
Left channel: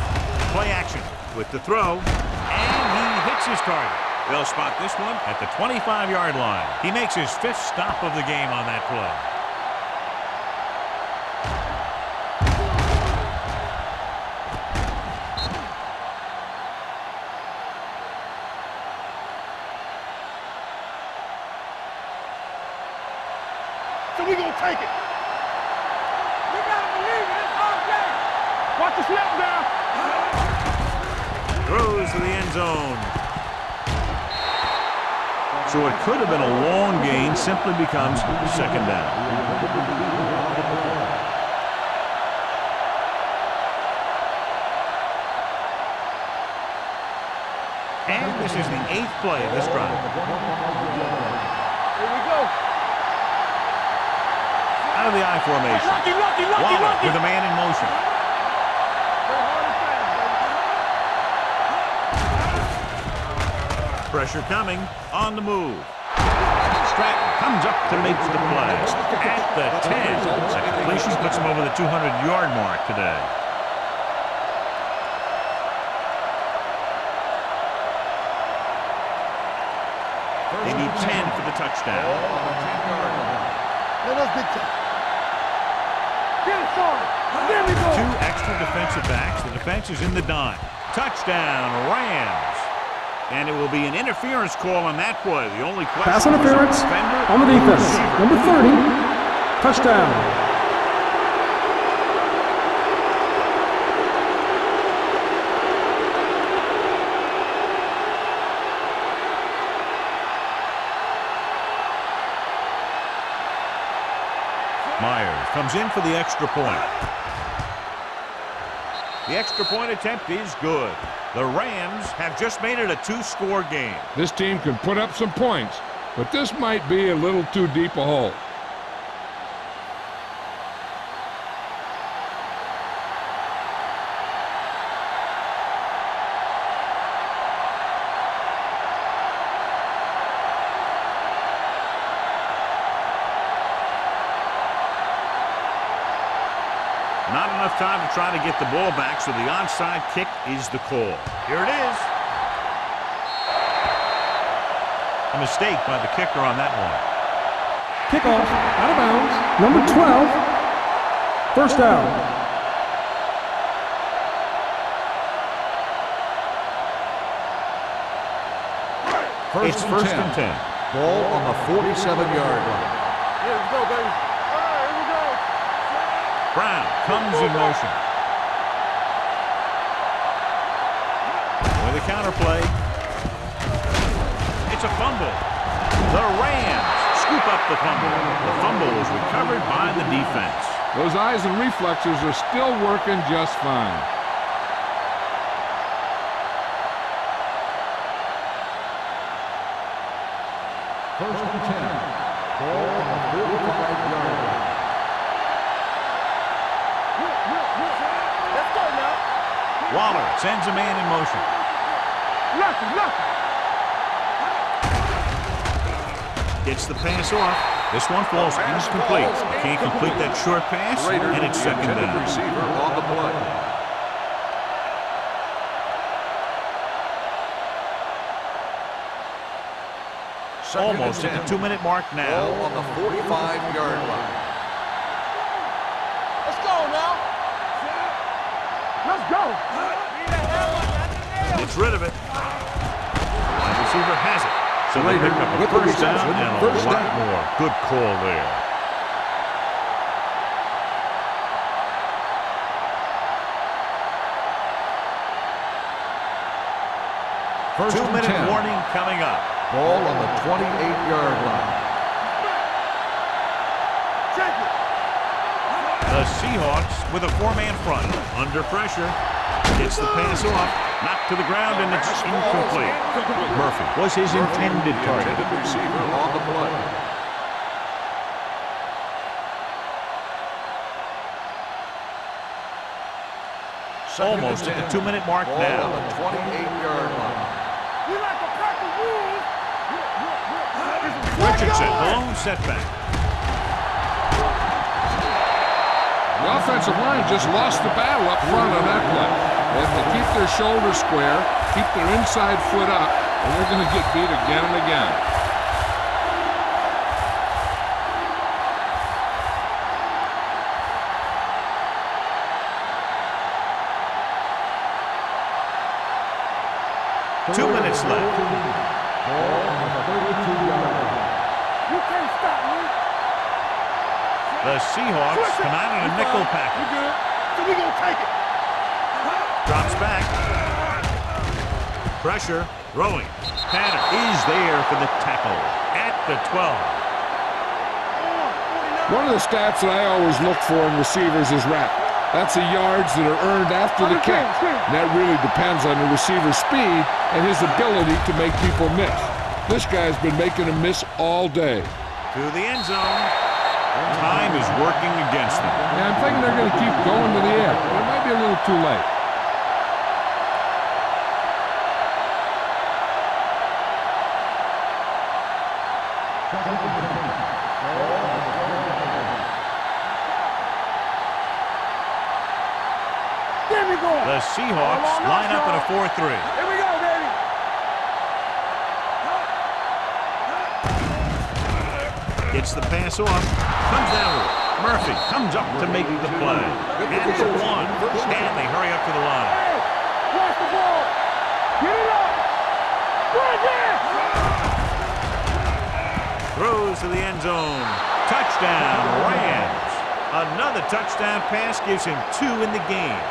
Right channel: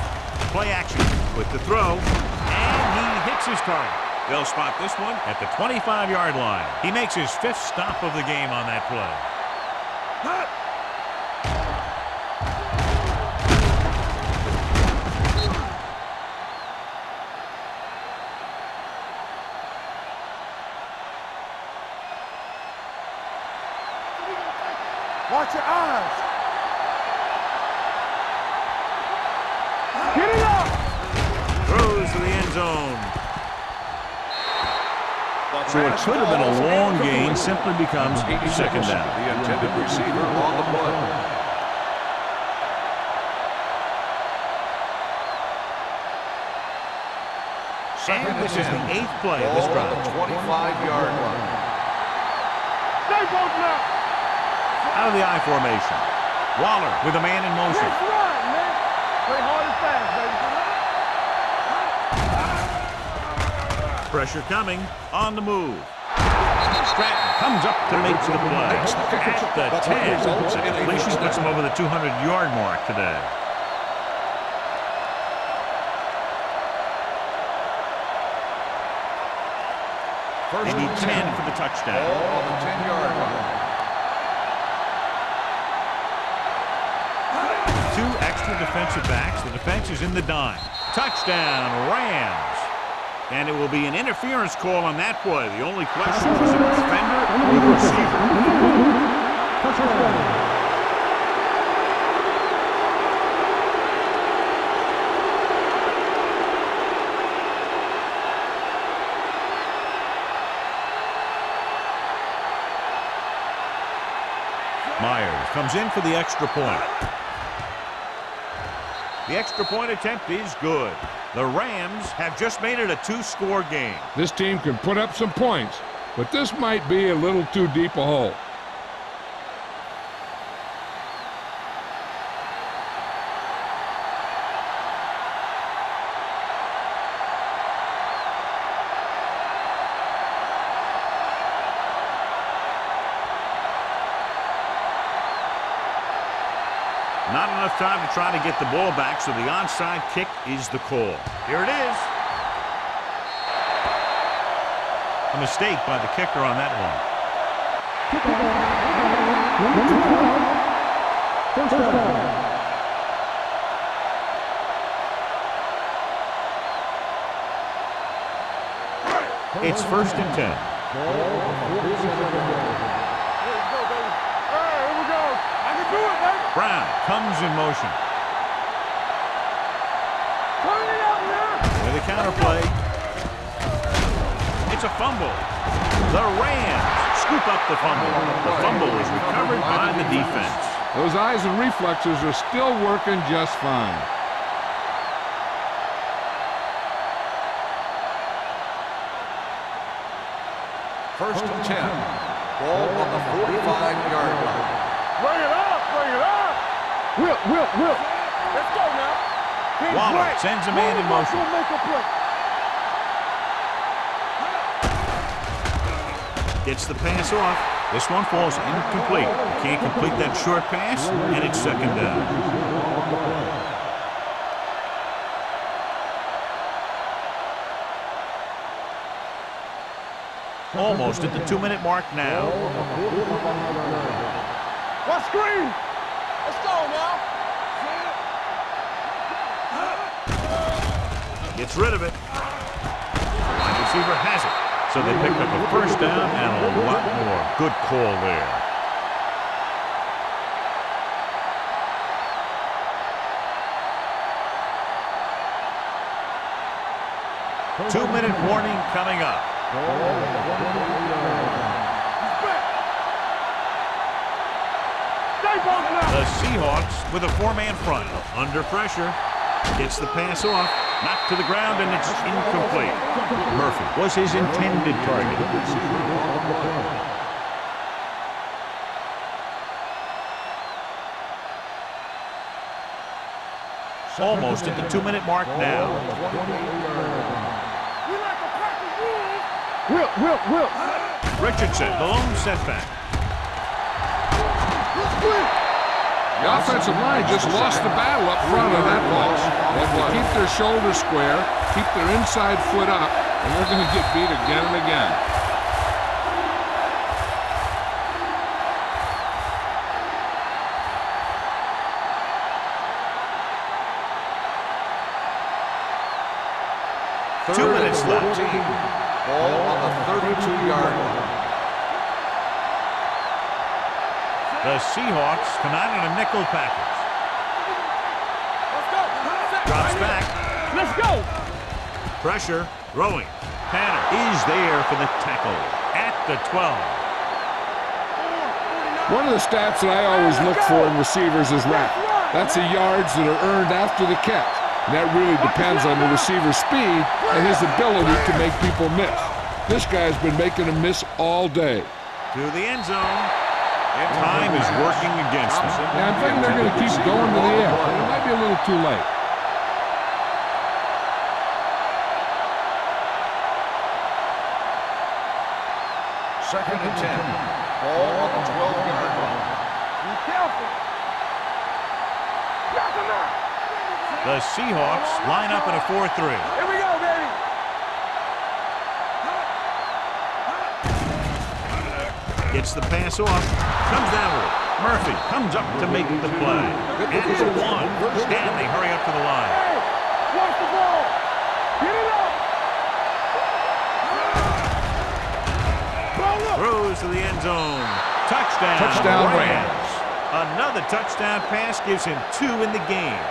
Play action with the throw, and he hits his target. They'll spot this one at the 25-yard line. He makes his 5th stop of the game on that play. So we gonna take it. Watch your eyes. We gotta believe it. Watch the snap down. Get it up. Throws to the end zone. So it could have been a long gain, simply becomes second down. The intended receiver on the play. And this is the 8th play of this drive. 25-yard line. Here we go. Stay both now. Out of the I formation. Waller with a man in motion. Play hard and fast, baby. Pressure coming, on the move. Stratton comes up to make the play. At the 10. The completion puts him over the 200-yard mark today. They need 10 for the touchdown. Ball on the 10-yard line. Let us get to get it forward. 2 extra defensive backs. The defense is in the dime. Touchdown, Rams. And it will be an interference call on that play. The only Pass question was the interference defender on the or the defense. receiver. Number 30. Touchdown. Myers comes in for the extra point. The extra point attempt is good. The Rams have just made it a 2-score game. This team can put up some points, but this might be a little too deep a hole. Not enough time to try to get the ball back, so the onside kick is the call. Here it is. A mistake by the kicker on that one. Kickoff. Out of bounds. Number 12. First down. It's first and 10. Ball on the 47-yard line. Yeah, let's go, baby. All right, here we go. I can do it. Brown comes in motion. With a counter play. It's a fumble. The Rams scoop up the fumble. The fumble was recovered by the defense. Those eyes and reflexes are still working just fine. First and 10. Ball on the 45-yard line. Bring it up, bring it up. Whip. Let's go now. Team's Waller right. sends a man in motion. Nothing. Gets the pass off. This one falls incomplete. You can't complete that short pass, and it's second down. Receiver on the play. Almost at the 2-minute mark now. Ball on the 45-yard line. What screen? Let's go now. Let's go. Gets rid of it. receiver has it. So they pick up a first down and a lot more. Good call there. First and 2-minute 10. warning coming up. Ball on the 28-yard line. The Seahawks with a 4-man front. Under pressure. Gets the pass off. Knocked to the ground, and it's incomplete. Murphy was his intended target. Receiver on the play. Almost at the 2-minute mark now. On the 28-yard line. We like to practice rules. Whip. Richardson, the lone setback. The offensive line just lost the battle up front on that play. They have to keep their shoulders square, keep their inside foot up, and they're going to get beat again and again. Two minutes left. Ball on the 32-yard line. You can't stop me. The Seahawks come out in a nickel package. So we gonna take it. Let's go. Drops back. Let's go. Pressure. Throwing. Tanner is there for the tackle at the 12. 49. One of the stats that I always look for in receivers is RAP. That's the yards that are earned after the catch. And that really depends on the receiver's speed and his ability to make people miss. This guy's been making them miss all day. To the end zone. Time is working against them. Yeah, I'm thinking they're going to keep going to the air. But it might be a little too late. Second and 10. Ball on the 12-yard line. Be careful. There we go. The Seahawks line up in a 4-3. Here we go, baby. Gets the pass off. Comes down with it. Murphy comes up to make the play. At the 1. And they hurry up to the line. Hey, watch the ball. Get it up. Throws to the end zone. Touchdown, Rams. Another touchdown pass gives him 2 in the game.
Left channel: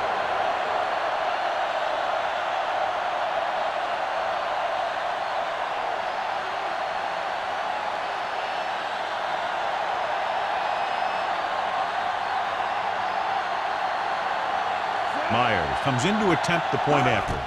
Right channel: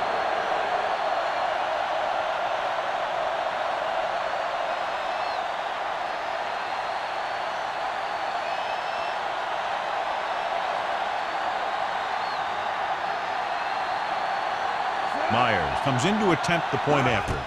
Myers comes in to attempt the point after.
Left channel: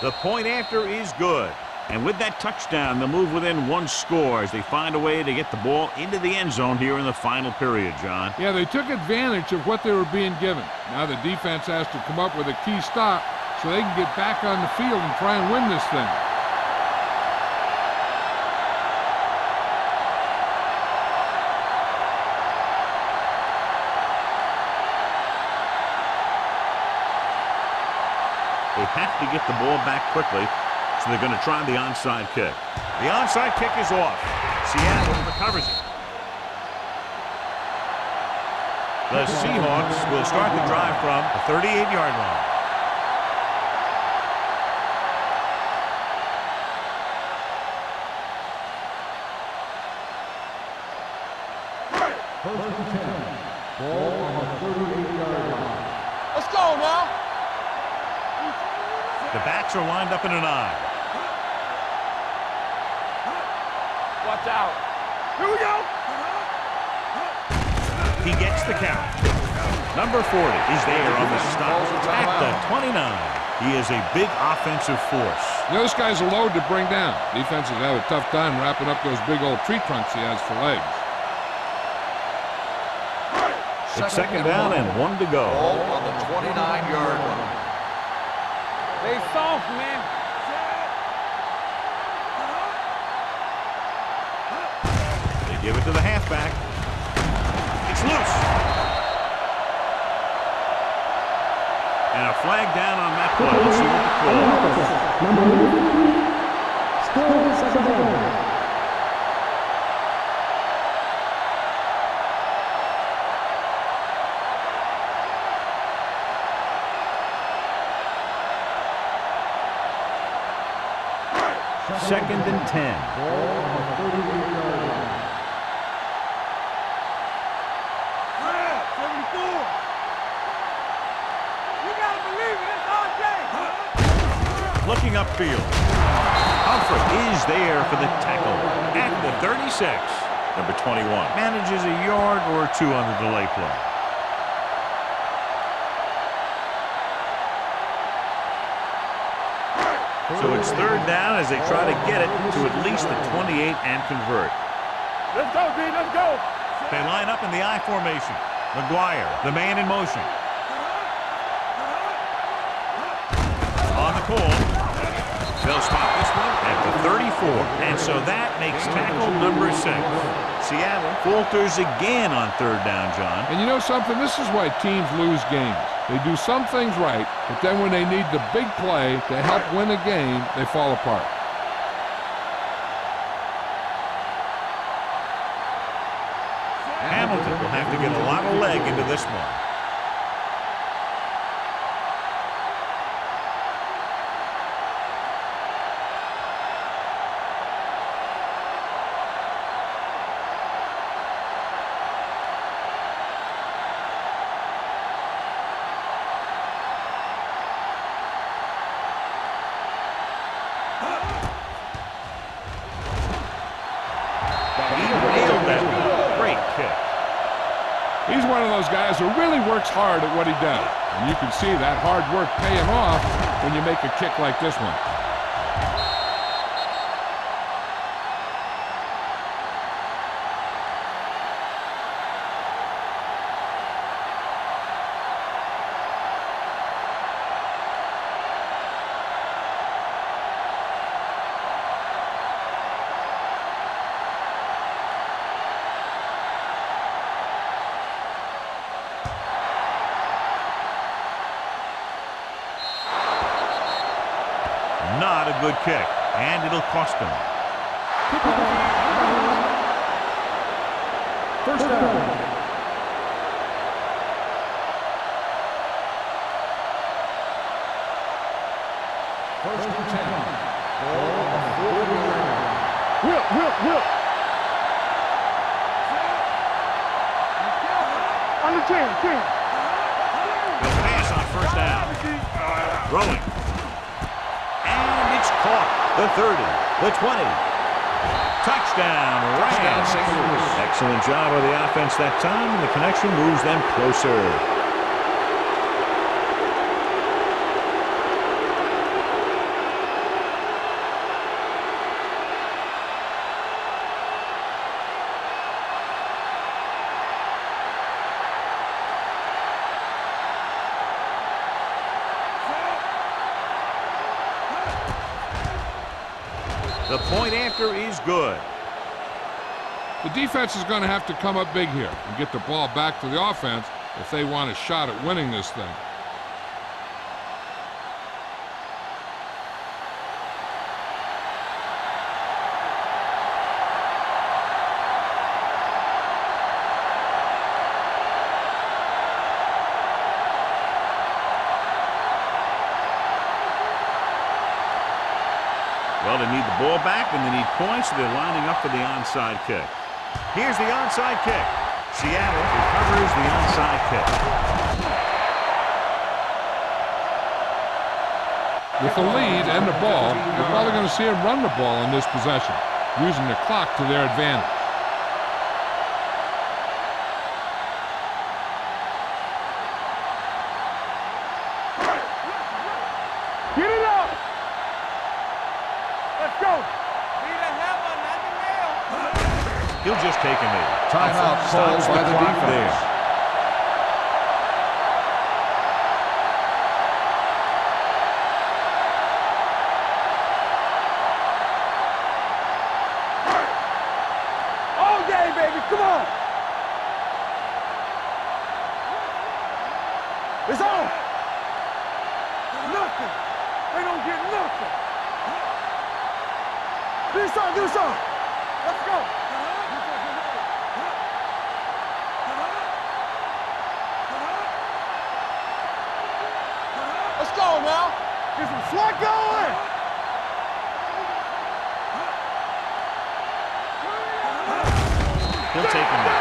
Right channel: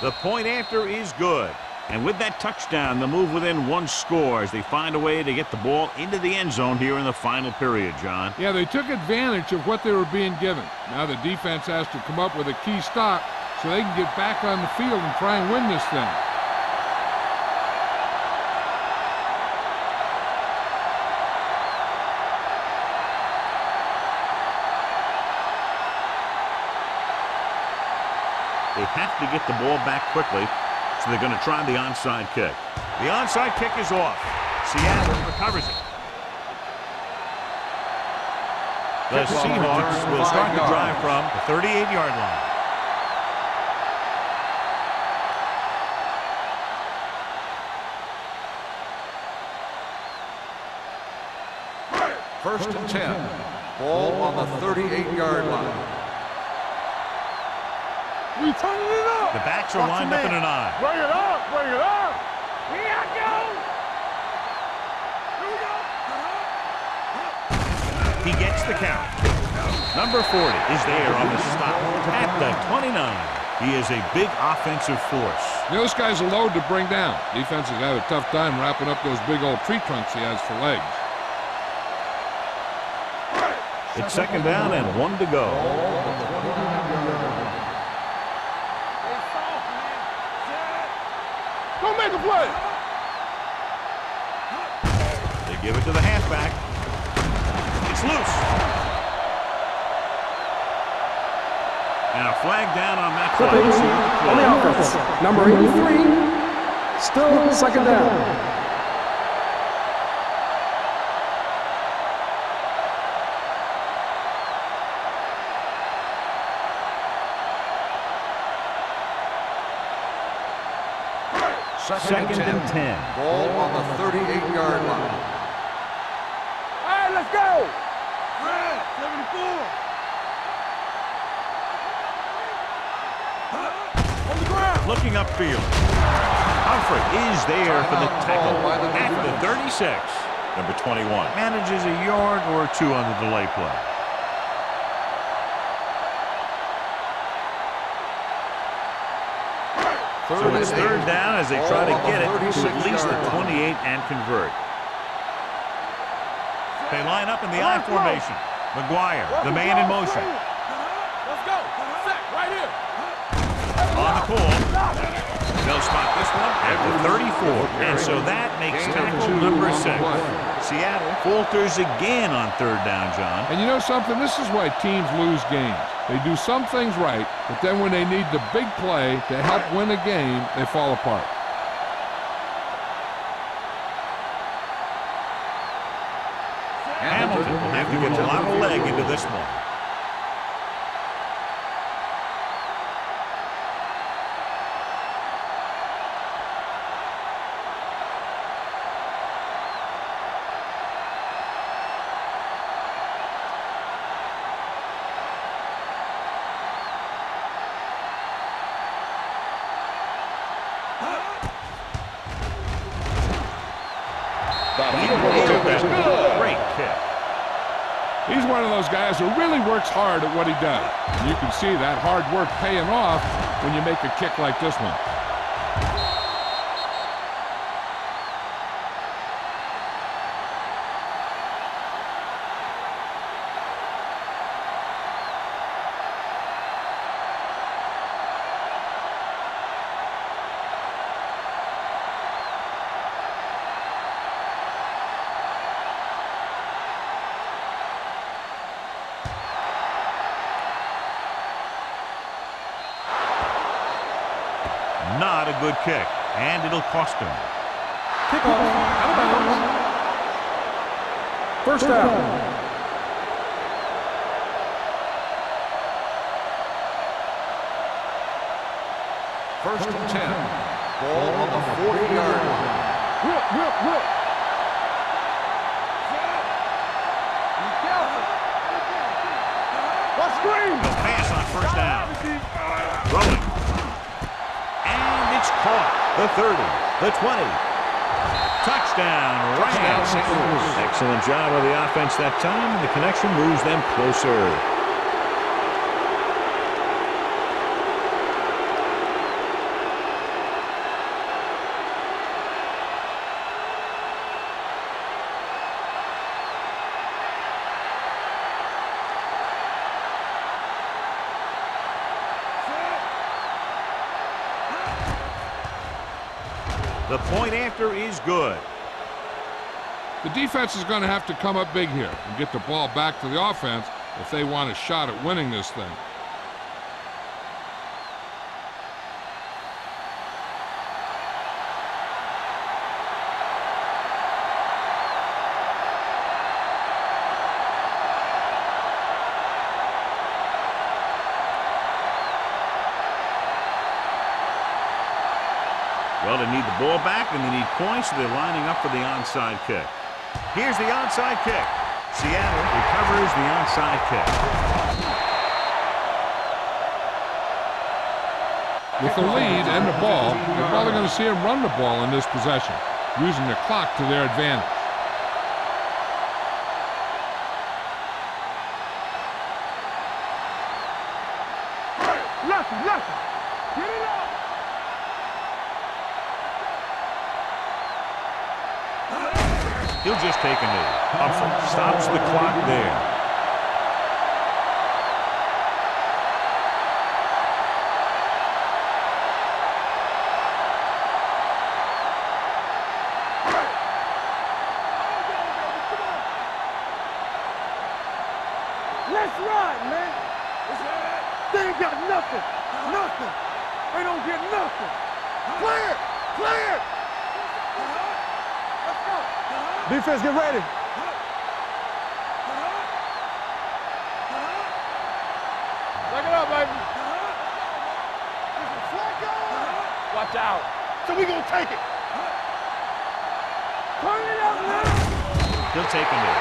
The point after is good. And with that touchdown, they'll move within 1 score as they find a way to get the ball into the end zone here in the final period, John. Yeah, they took advantage of what they were being given. Now the defense has to come up with a key stop so they can get back on the field and try and win this thing. They have to get the ball back quickly, so they're going to try the onside kick. The onside kick is off. Seattle recovers it. The Seahawks will start the drive from the 38-yard line. First and 10. Ball on the 38-yard line. Let's go now. We turning it up. The backs are lined up in an I. Bring it up. Bring it up. Here I go. Watch out. Here we go. He gets the count. Number 40 is there on the stop at the 29. He is a big offensive force. Those guys are load to bring down. Defenses have a tough time wrapping up those big old tree trunks he has for legs. It's second down and 1 to go. Ball on the 29-yard line. They soft, man. Go make a play. They give it to the halfback. It's loose. And a flag down on that play. Let's see what the call is. Number 83, still second down. Second and 10. Ball on the 38-yard line. Hey, let's go. Red, 74. You gotta believe it. It's RJ. Looking upfield. Humphrey is there for the tackle at the 36. Number 21 manages a yard or two on the delay play. So it's third down as they try to get it to at least the 28 and convert. Let's go, D. Let's go. They line up in the I formation. McGuire, the man in motion. Let's go. Right here. On the pull. They'll spot this one at the 34. And so that makes tackle number 6. Seattle falters again on third down, John. And you know something? This is why teams lose games. They do some things right, but then when they need the big play to help win a game, they fall apart. Hamilton will have to get a lot of leg into this one. He nailed that. Great kick. He's one of those guys who really works hard at what he does. And you can see that hard work paying off when you make a kick like this one. Not a good kick, and it'll cost him. Kickoff, out of bounds. First down. First and 10. Ball on the 40-yard line. Whip. Set. Be careful. On the 10. They'll pass on first down. Throwing. And it's caught. The 30, the 20. Touchdown, Rams. St. Louis. Excellent job of the offense that time, and the connection moves them closer. The point after is good. The defense is going to have to come up big here and get the ball back to the offense if they want a shot at winning this thing. Well, they need the ball back, and they need points, so they're lining up for the onside kick. Here's the onside kick. Seattle recovers the onside kick. With the lead and the ball, you're probably going to see them run the ball in this possession, using the clock to their advantage. Get it up. Let's go. He'll just take a knee. Timeout Stops called the by the clock defense. there. All day, baby. Come on. Let's run, man. It's on. They ain't got nothing. Nothing. They don't get nothing. Clear. Do something. Let's go. Defense, get ready. Back it up, baby. Let's go now. Get some slack going. Watch out. So we gonna take it. He'll take a knee.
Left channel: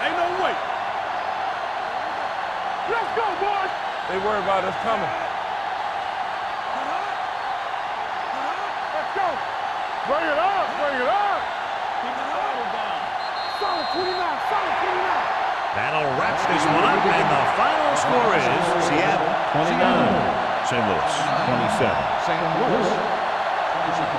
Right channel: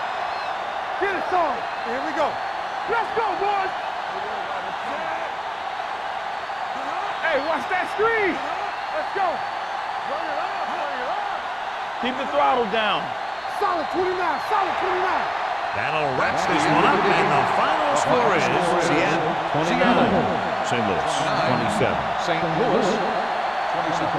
Ain't no way. Get it started. Here we go. Let's go, boys. They worry about us coming. Hey, watch that screen. Let's go. Bring it up. Bring it up. Keep the throttle down. Solid 29. Solid 29. That'll wrap this one up, and the final score is Seattle 29, St. Louis 27. St. Louis 27.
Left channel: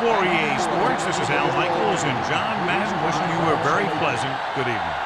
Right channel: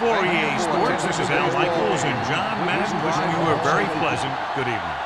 For EA Sports, this is Al Michaels and John Madden wishing you a very pleasant good evening.